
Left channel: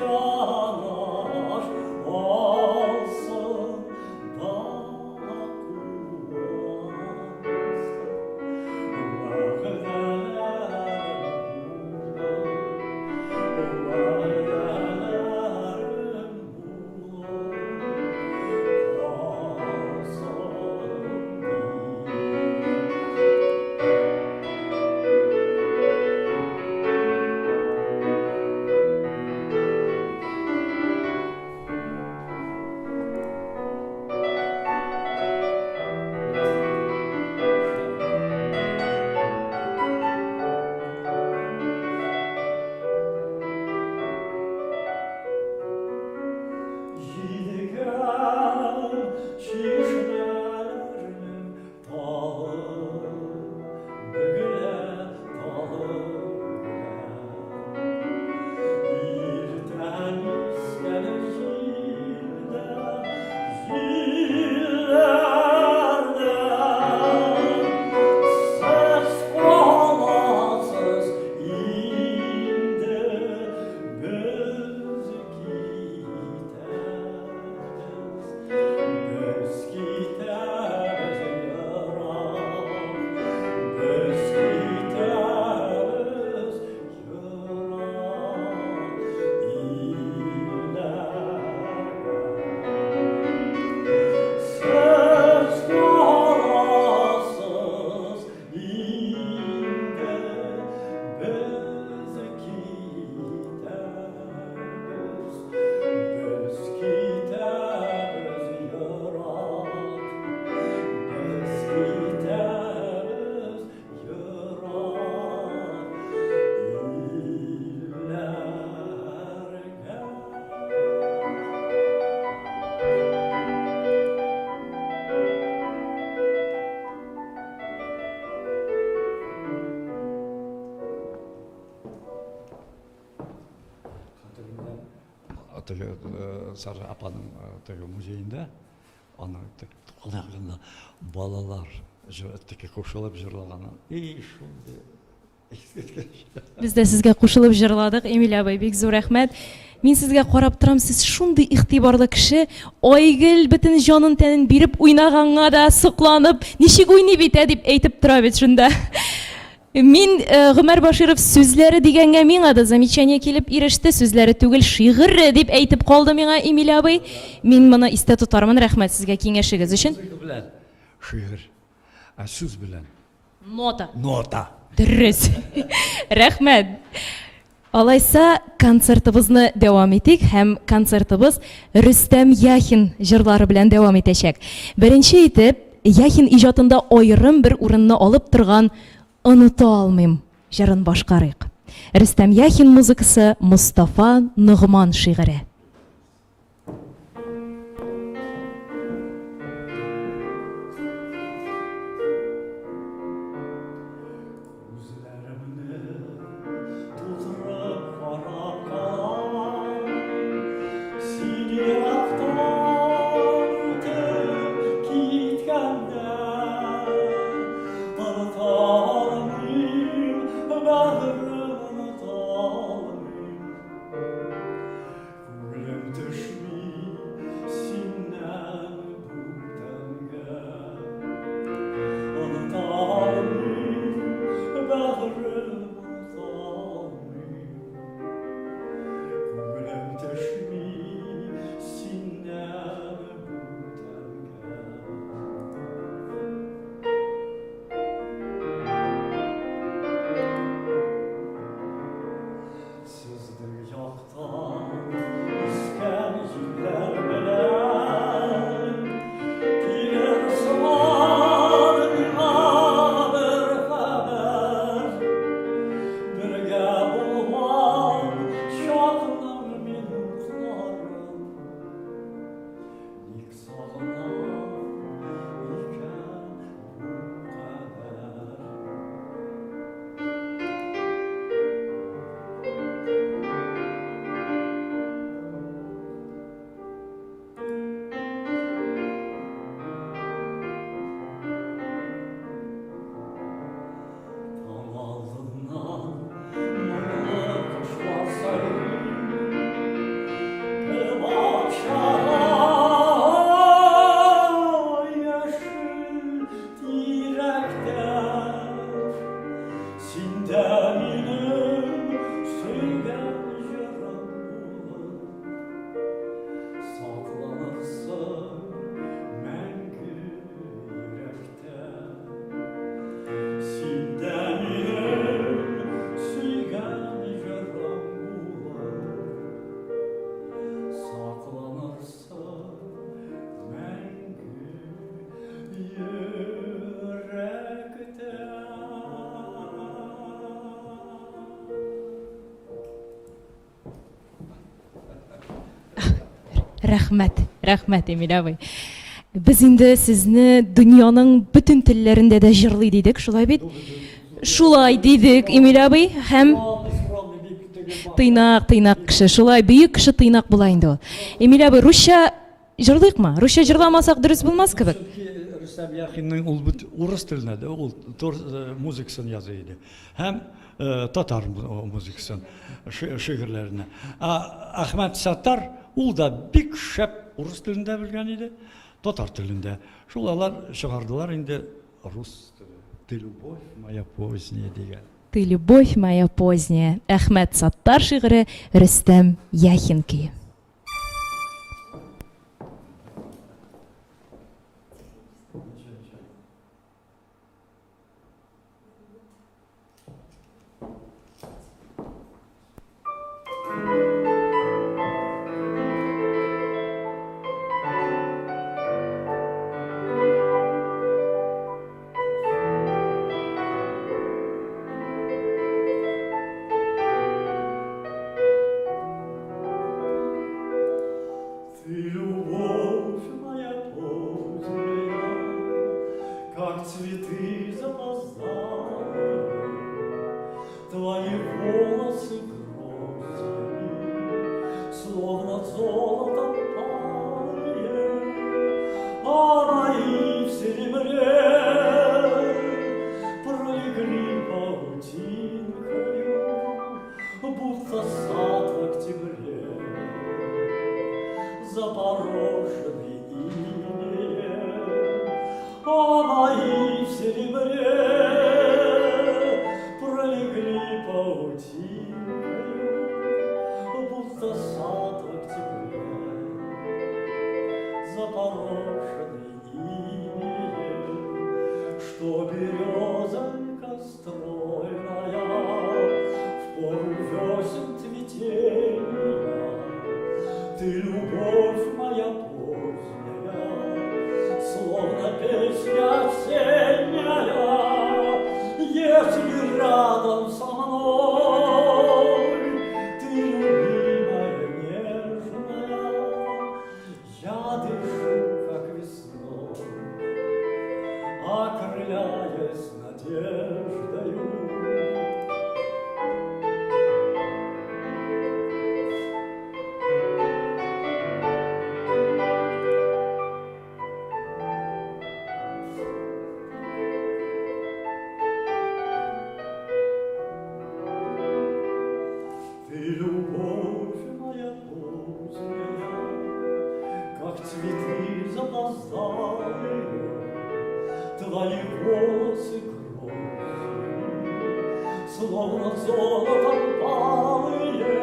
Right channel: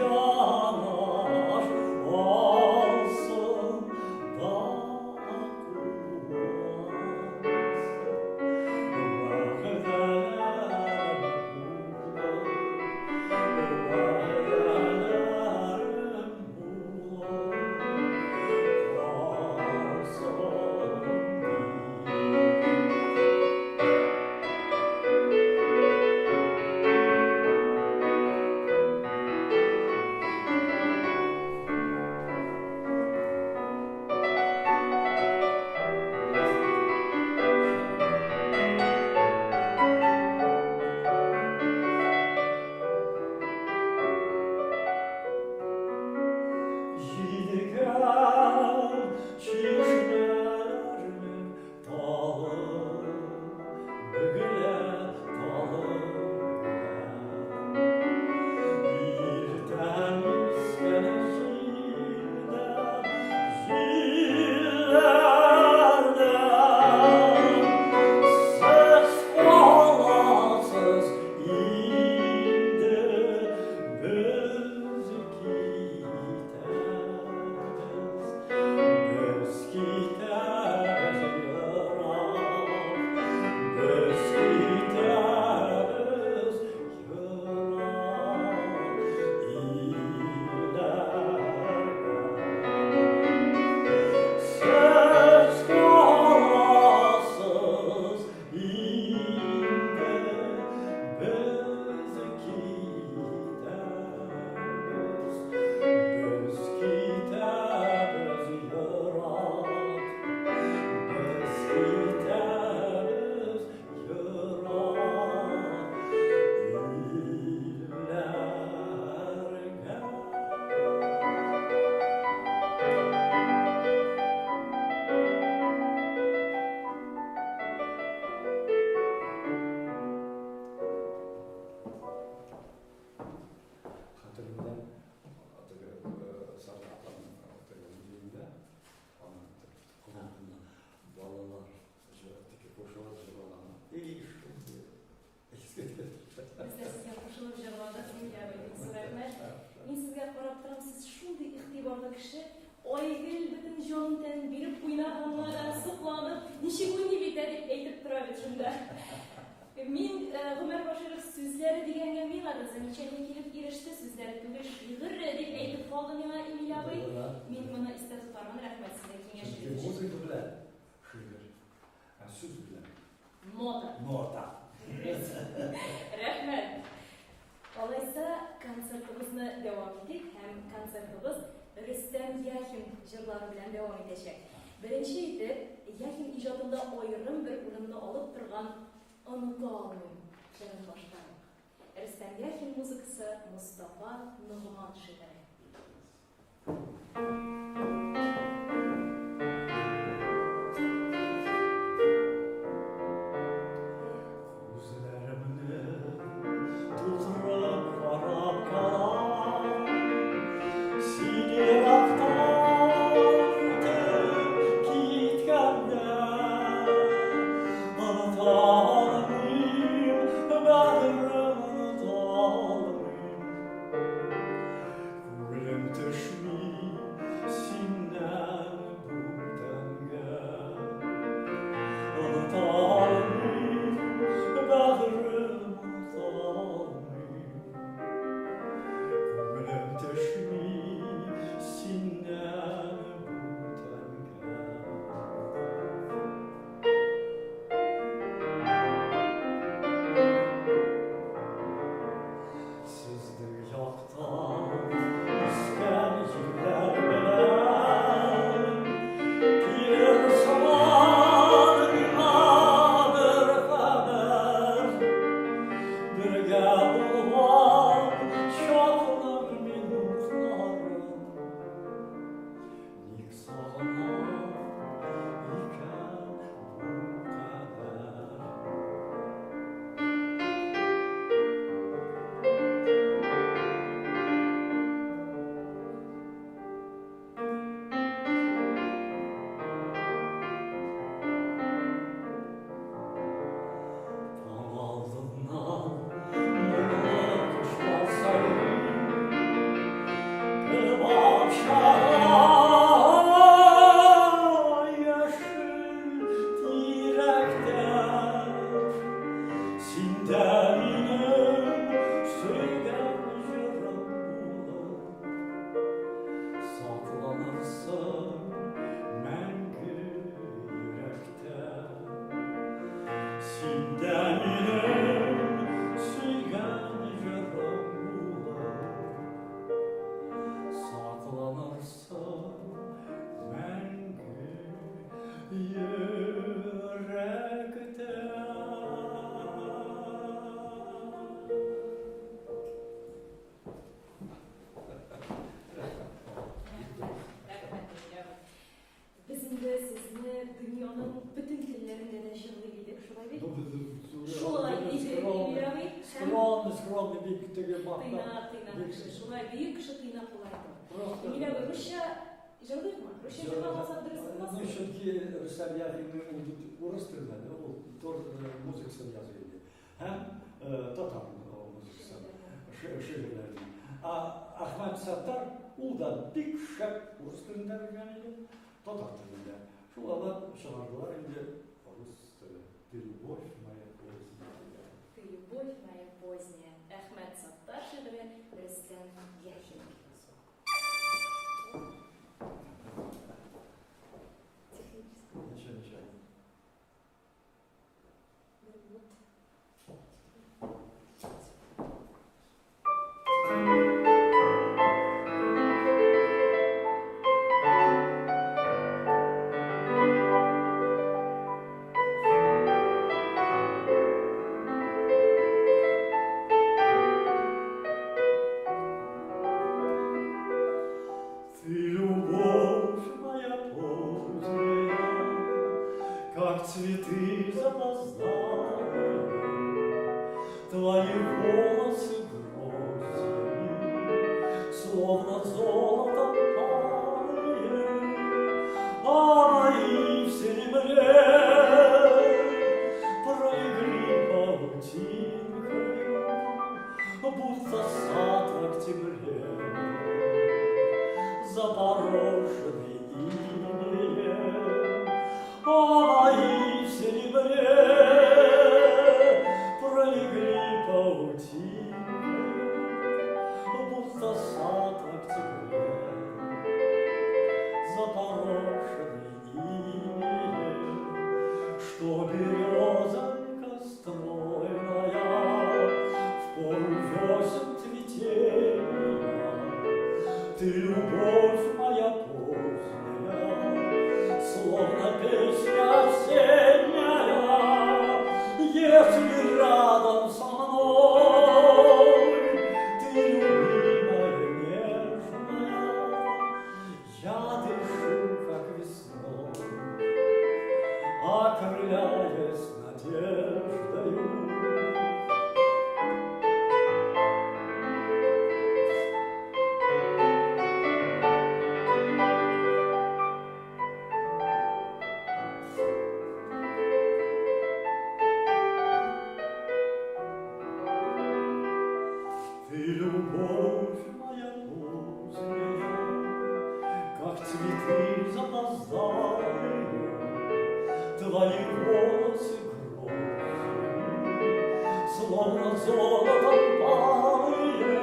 янаш алсын да Җидегән шишмәләрнең талы бөгелә, талы иртән искән җилләрдә сез каласыз инде, без китәбез ерак, без китәбез ерак илләргә. Сез каласыз инде, без китәбез Сара апаның музейінде аны құлағында балалар қошылып жырлағаны. Biz de sizге кушылып җырладык, Эмиль абый, бик зур рәхмәт. Мин сезгә карап торам, сез шундый игътибарлы кеше, Айгөл бөтен җанын тәнен биреп уйнаганга да сокланып, ничек уйный бит дип әйтеп тора бит шунда. Мин Гомәр Баширов сүзләре дигәнгә миңа да замечание килеп иреште, сүзләре түгел, шигырь дип әйтеп калды миңа Эмиль абый. Мин моны истә тутармын, рәхмәт сезгә киңәшегез өчен. Шигырь, сүз белән. Нота. Нота. Дөрес. Рәхмәт. Алайса, концертыбызны дәвам итик, һәм концертыбыз Рөстәм Яхин җырлары белән дәвам итәчәк. Беренче итеп, Яхин иҗатында аерым бер урынны алып торган «Оныта алмыйм» җырын башкарыйк. Рөстәм Яхин музыкасы, Мустафа Нугман шигыре. Рәхмәт, Эмиль абый. Без инде сезне дөньяның бүтән телләрендә дә җырлый дидек, шулай бит? Шулай дидек, Эмиль абый, һәм тыйнак кеше, шулай бөек кеше тыйнак була инде ул. Эмиль абый, русча җырлыйкмы? Русча җырламасак дөрес булмас кебек. Рөстәм Яхинның ул бит урыс телендә дә, ул музыкасын яза иде. Һәм татар музыкасын, шигырьләрне. Әхмәт Саттар ул да бик шәп урыс телендә белгән иде, татар телендә. Шулар чыгардылар инде рус «Ты любовь моя поздняя» дигән. «Ты любовь моя поздняя». Әхмәт Саттар шигыре, Рөстәм Яхин көе. Цветы запоздали, твои волосы гроздями, словно золотом палые, а мои в серебре пролегли паутинкою, будто сад в октябре, запорошенный инеем. А мои в серебре пролегли паутинкою, будто сад в октябре, запорошенный инеем, что березонька стройная в пору весен цветения. Ты любовь моя поздняя, словно песня осенняя, если рядом со мной ты любимая, нежная, я дышу, как весной, окрыляясь надеждою. Ты любовь моя поздняя, как цветы запоздалые, твои волосы гроздями, словно золотом палые,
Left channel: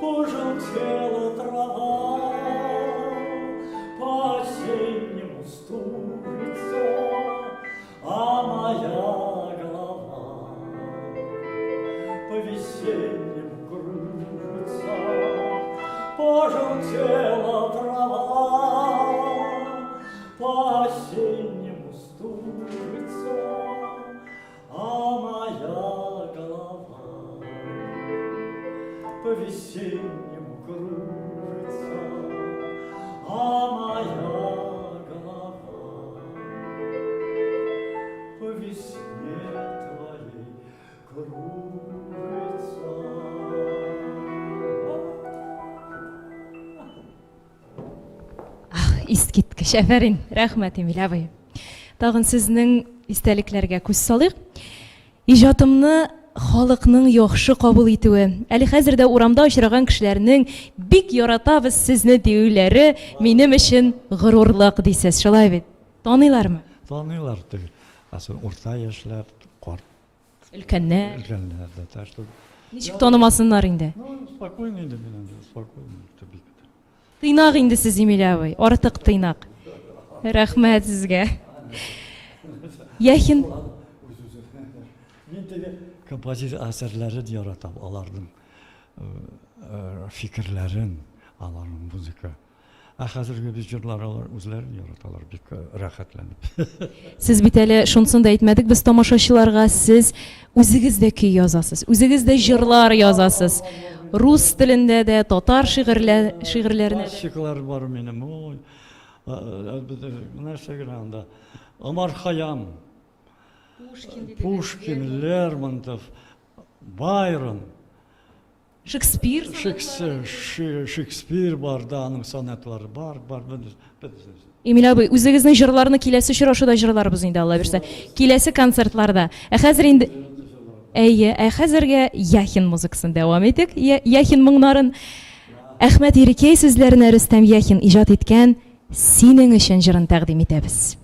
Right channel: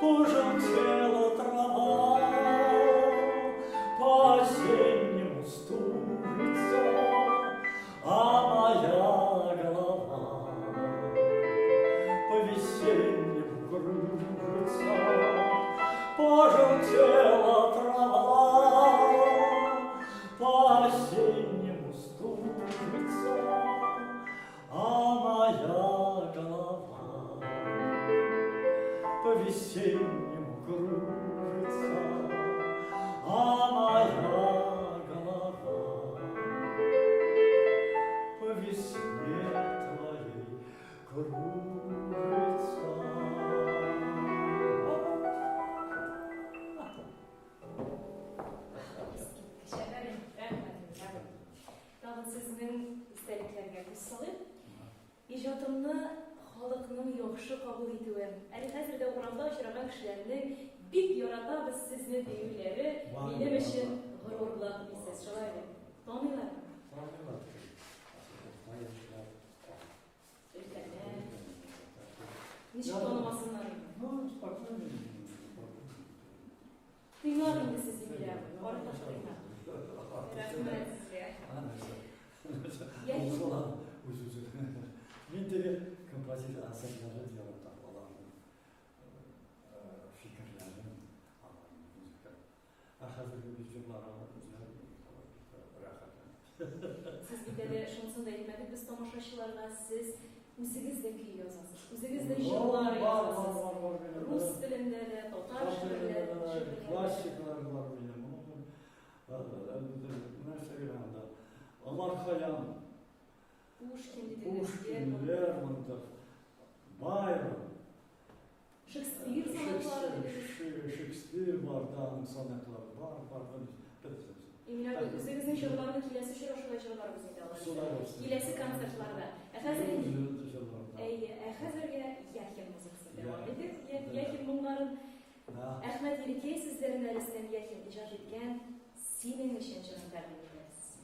пожелтела трава, по-осеннему стужится, а моя голова по-весеннему кружится, пожелтела трава, по-осеннему стужится, а моя голова по-весеннему кружится, а моя голова по весне твоей кружится. Искиткеч, әфәрин, рәхмәт, Эмиль абый. Тагын сезнең истәлекләргә күз салыйк. Иҗатымны халыкның яхшы кабул итүе, әле хәзердә урамда очраган кешеләрнең бик яратабыз сезне диюләре минем өчен горурлык дисез, шулай бит? Таныйлармы? Таныйлар түгел. Асыл урта яшьләр, карт Өлкәннәр. өлкәннәр дә ташлы. Ничек танымасыннар инде? Спокойно иде менә, спокойно. Тыйнак инде сез, Эмиль абый, артык тыйнак. Рәхмәт сезгә. Яхин Мин теге композитор әсәрләре яратам, аларның фикерләрен, аларның музыка. Хәзерге без җырлар алар үзләрен яраталар, бик рәхәтләнеп. сез бит әле шунысын да әйтмәдек без тамашачыларга, сез үзегез дә көй язасыз, үзегез дә җырлар язасыз. рус телендә дә, татар шигырьләренә дә. Классиклар бар минем. Ой. Нәрсә генә анда. Омар Хайям, Пушкин, Лермонтов, Байрон, Шекспир. Шекспир бар да, аның сонатлары бар. Эмиль абый, үзегезнең җырларны киләсе очрашуда җырларбыз инде, Алла бирсә. Киләсе концертларда. Хәзер инде әйе, хәзергә Яхин музыкасын дәвам итик. Яхин моңнарын Әхмәт Ирекәй сүзләренә Рөстәм Яхин иҗат иткән "Синең өчен" җырын тәкъдим итәбез.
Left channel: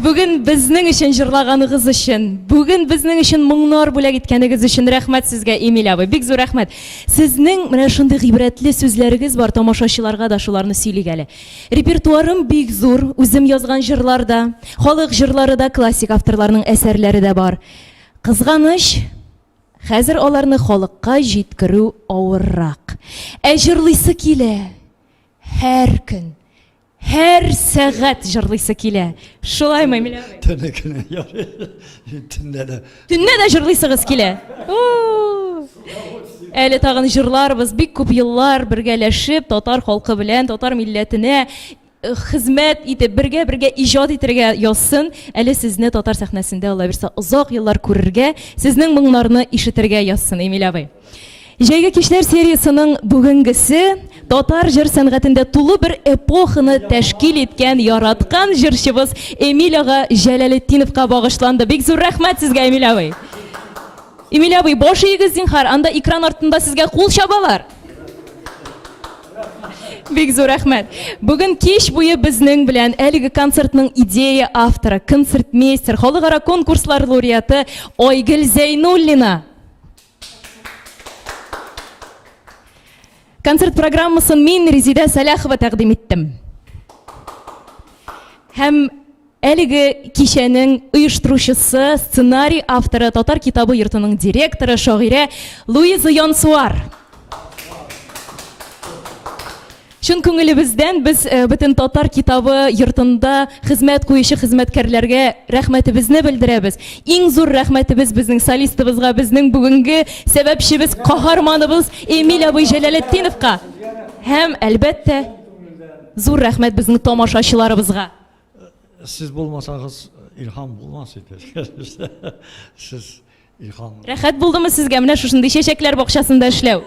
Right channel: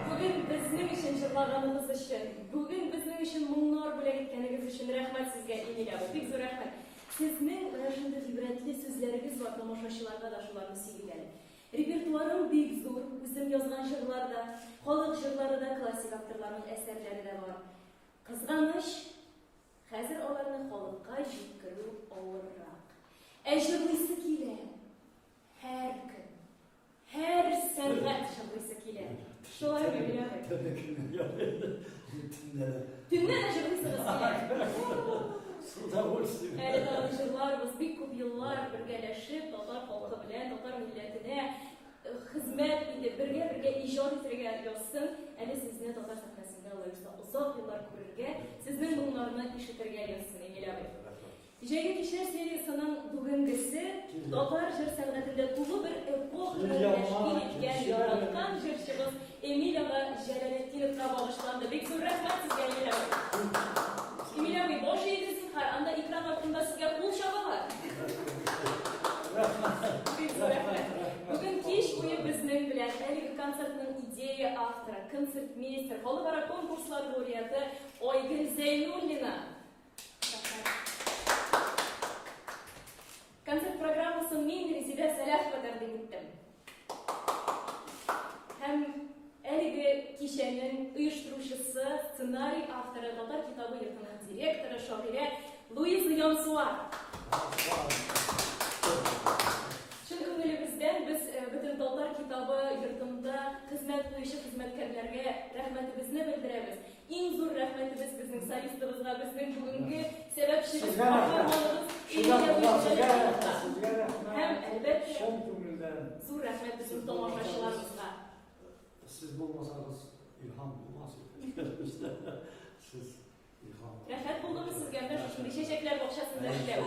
Бүген безнең өчен җырлаганыгыз өчен, бүген безнең өчен моңнар бүләк иткәнегез өчен рәхмәт сезгә, Эмиль абый. Бик зур рәхмәт. Сезнең менә шундый гыйбрәтле сүзләрегез бар, тамашачыларга да шуларны сөйлик әле. Репертуарым бик зур, үзем язган җырлар да, халык җырлары да, классик авторларның әсәрләре дә бар. Кызганыч, хәзер аларны халыкка җиткерү авыррак. Җырлыйсы килә һәр көн. Her сәгать җырлыйсы килә. Шулаймы, Эмиль абый? Төнне дә җырлыйсыгыз килә. Әле тагын җырларбыз, бик күп еллар бергәләшеп, татар халкы белән, татар милләтенә хезмәт итеп, бергә иҗат итәргә язсын. Әле сезне татар сәхнәсендә, Алла бирсә, озак еллар күрергә, сезнең моңнарны ишетергә язсын, Эмиль абый. Җәйге кичләр сериясының бүгенгесе татар җыр сәнгатендә тулы бер эпоханы тәшкил иткән, яраткан җырчыбыз Эмиль ага Җәләлетдиновка багышланды. Бик зур рәхмәт сезгә, Эмиль абый. Эмиль абый, баш игез зинһар, анда экран артында сезгә кул чабалар. Бик зур рәхмәт. Бүген кич буе безнең белән әлеге концертның идея авторы, концертмейстер, халыкара конкурслар лауреаты Айгөл Зәйнуллина. Концерт программасын мин Резида Саляхова тәкъдим иттем. Һәм әлеге кичәнең оештыручысы, сценарий авторы, Татар китабы йортының директоры, шагыйрә Луиза Янсуар. Шун күңелебездән без бөтен Татар китабы йортында хезмәт куючы хезмәткәрләргә рәхмәтебезне белдерәбез. Иң зур рәхмәтебез безнең солистыбызга, безнең бүгенге сәбәпчебез, каһарманыбыз Эмиль абый Җәләлетдиновка. Һәм әлбәттә зур рәхмәт безнең тамашачыларыбызга. Siz bulmasanız ilham bulmaz idi. Siz ilham. Рәхәт булдымы сезгә менә шушындый чәчәкләр бакчасында эшләү?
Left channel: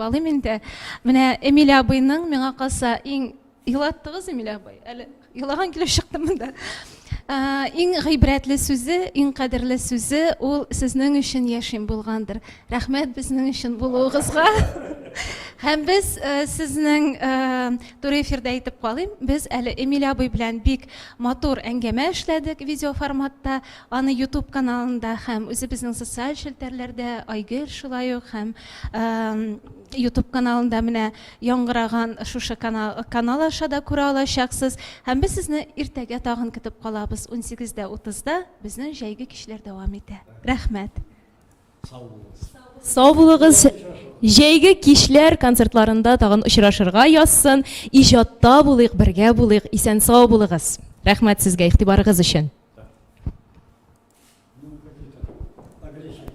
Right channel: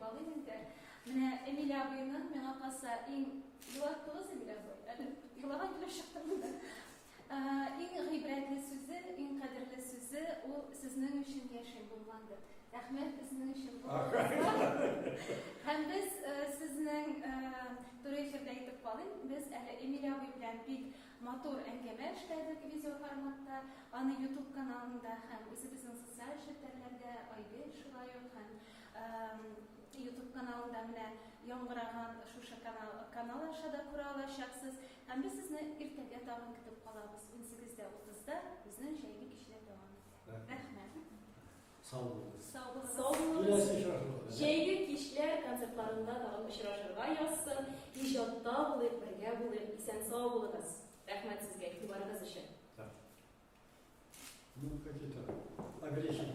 Балым инде. Менә Эмиль абыйның миңа калса иң илаттыгыз Эмиль абый. Әле илаган килеп чыктым монда. Иң гыйбрәтле сүзе, иң кадерле сүзе ул сезнең өчен яшим булгандыр. Рәхмәт безнең өчен булуыгызга. Һәм без сезнең туры эфирдә әйтеп калыйм, без әле Эмиль абый белән бик матур әңгәмә эшләдек видео форматта, аны YouTube каналында һәм үзебезнең социаль челтәрләрдә Айгөл шулай ук һәм YouTube каналында менә яңгыраган шушы канал аша да күрә алачаксыз. Һәм без сезне иртәгә тагын көтеп калабыз 18:30-да безнең җәйге кичләр дәвам итә. Рәхмәт. Сау булыгыз. Җәйге кичләр концертларында тагын очрашырга язсын. Иҗатта булыйк, бергә булыйк. Исән сау булыгыз. Рәхмәт сезгә игътибарыгыз өчен. Ну, какие-то агрессии.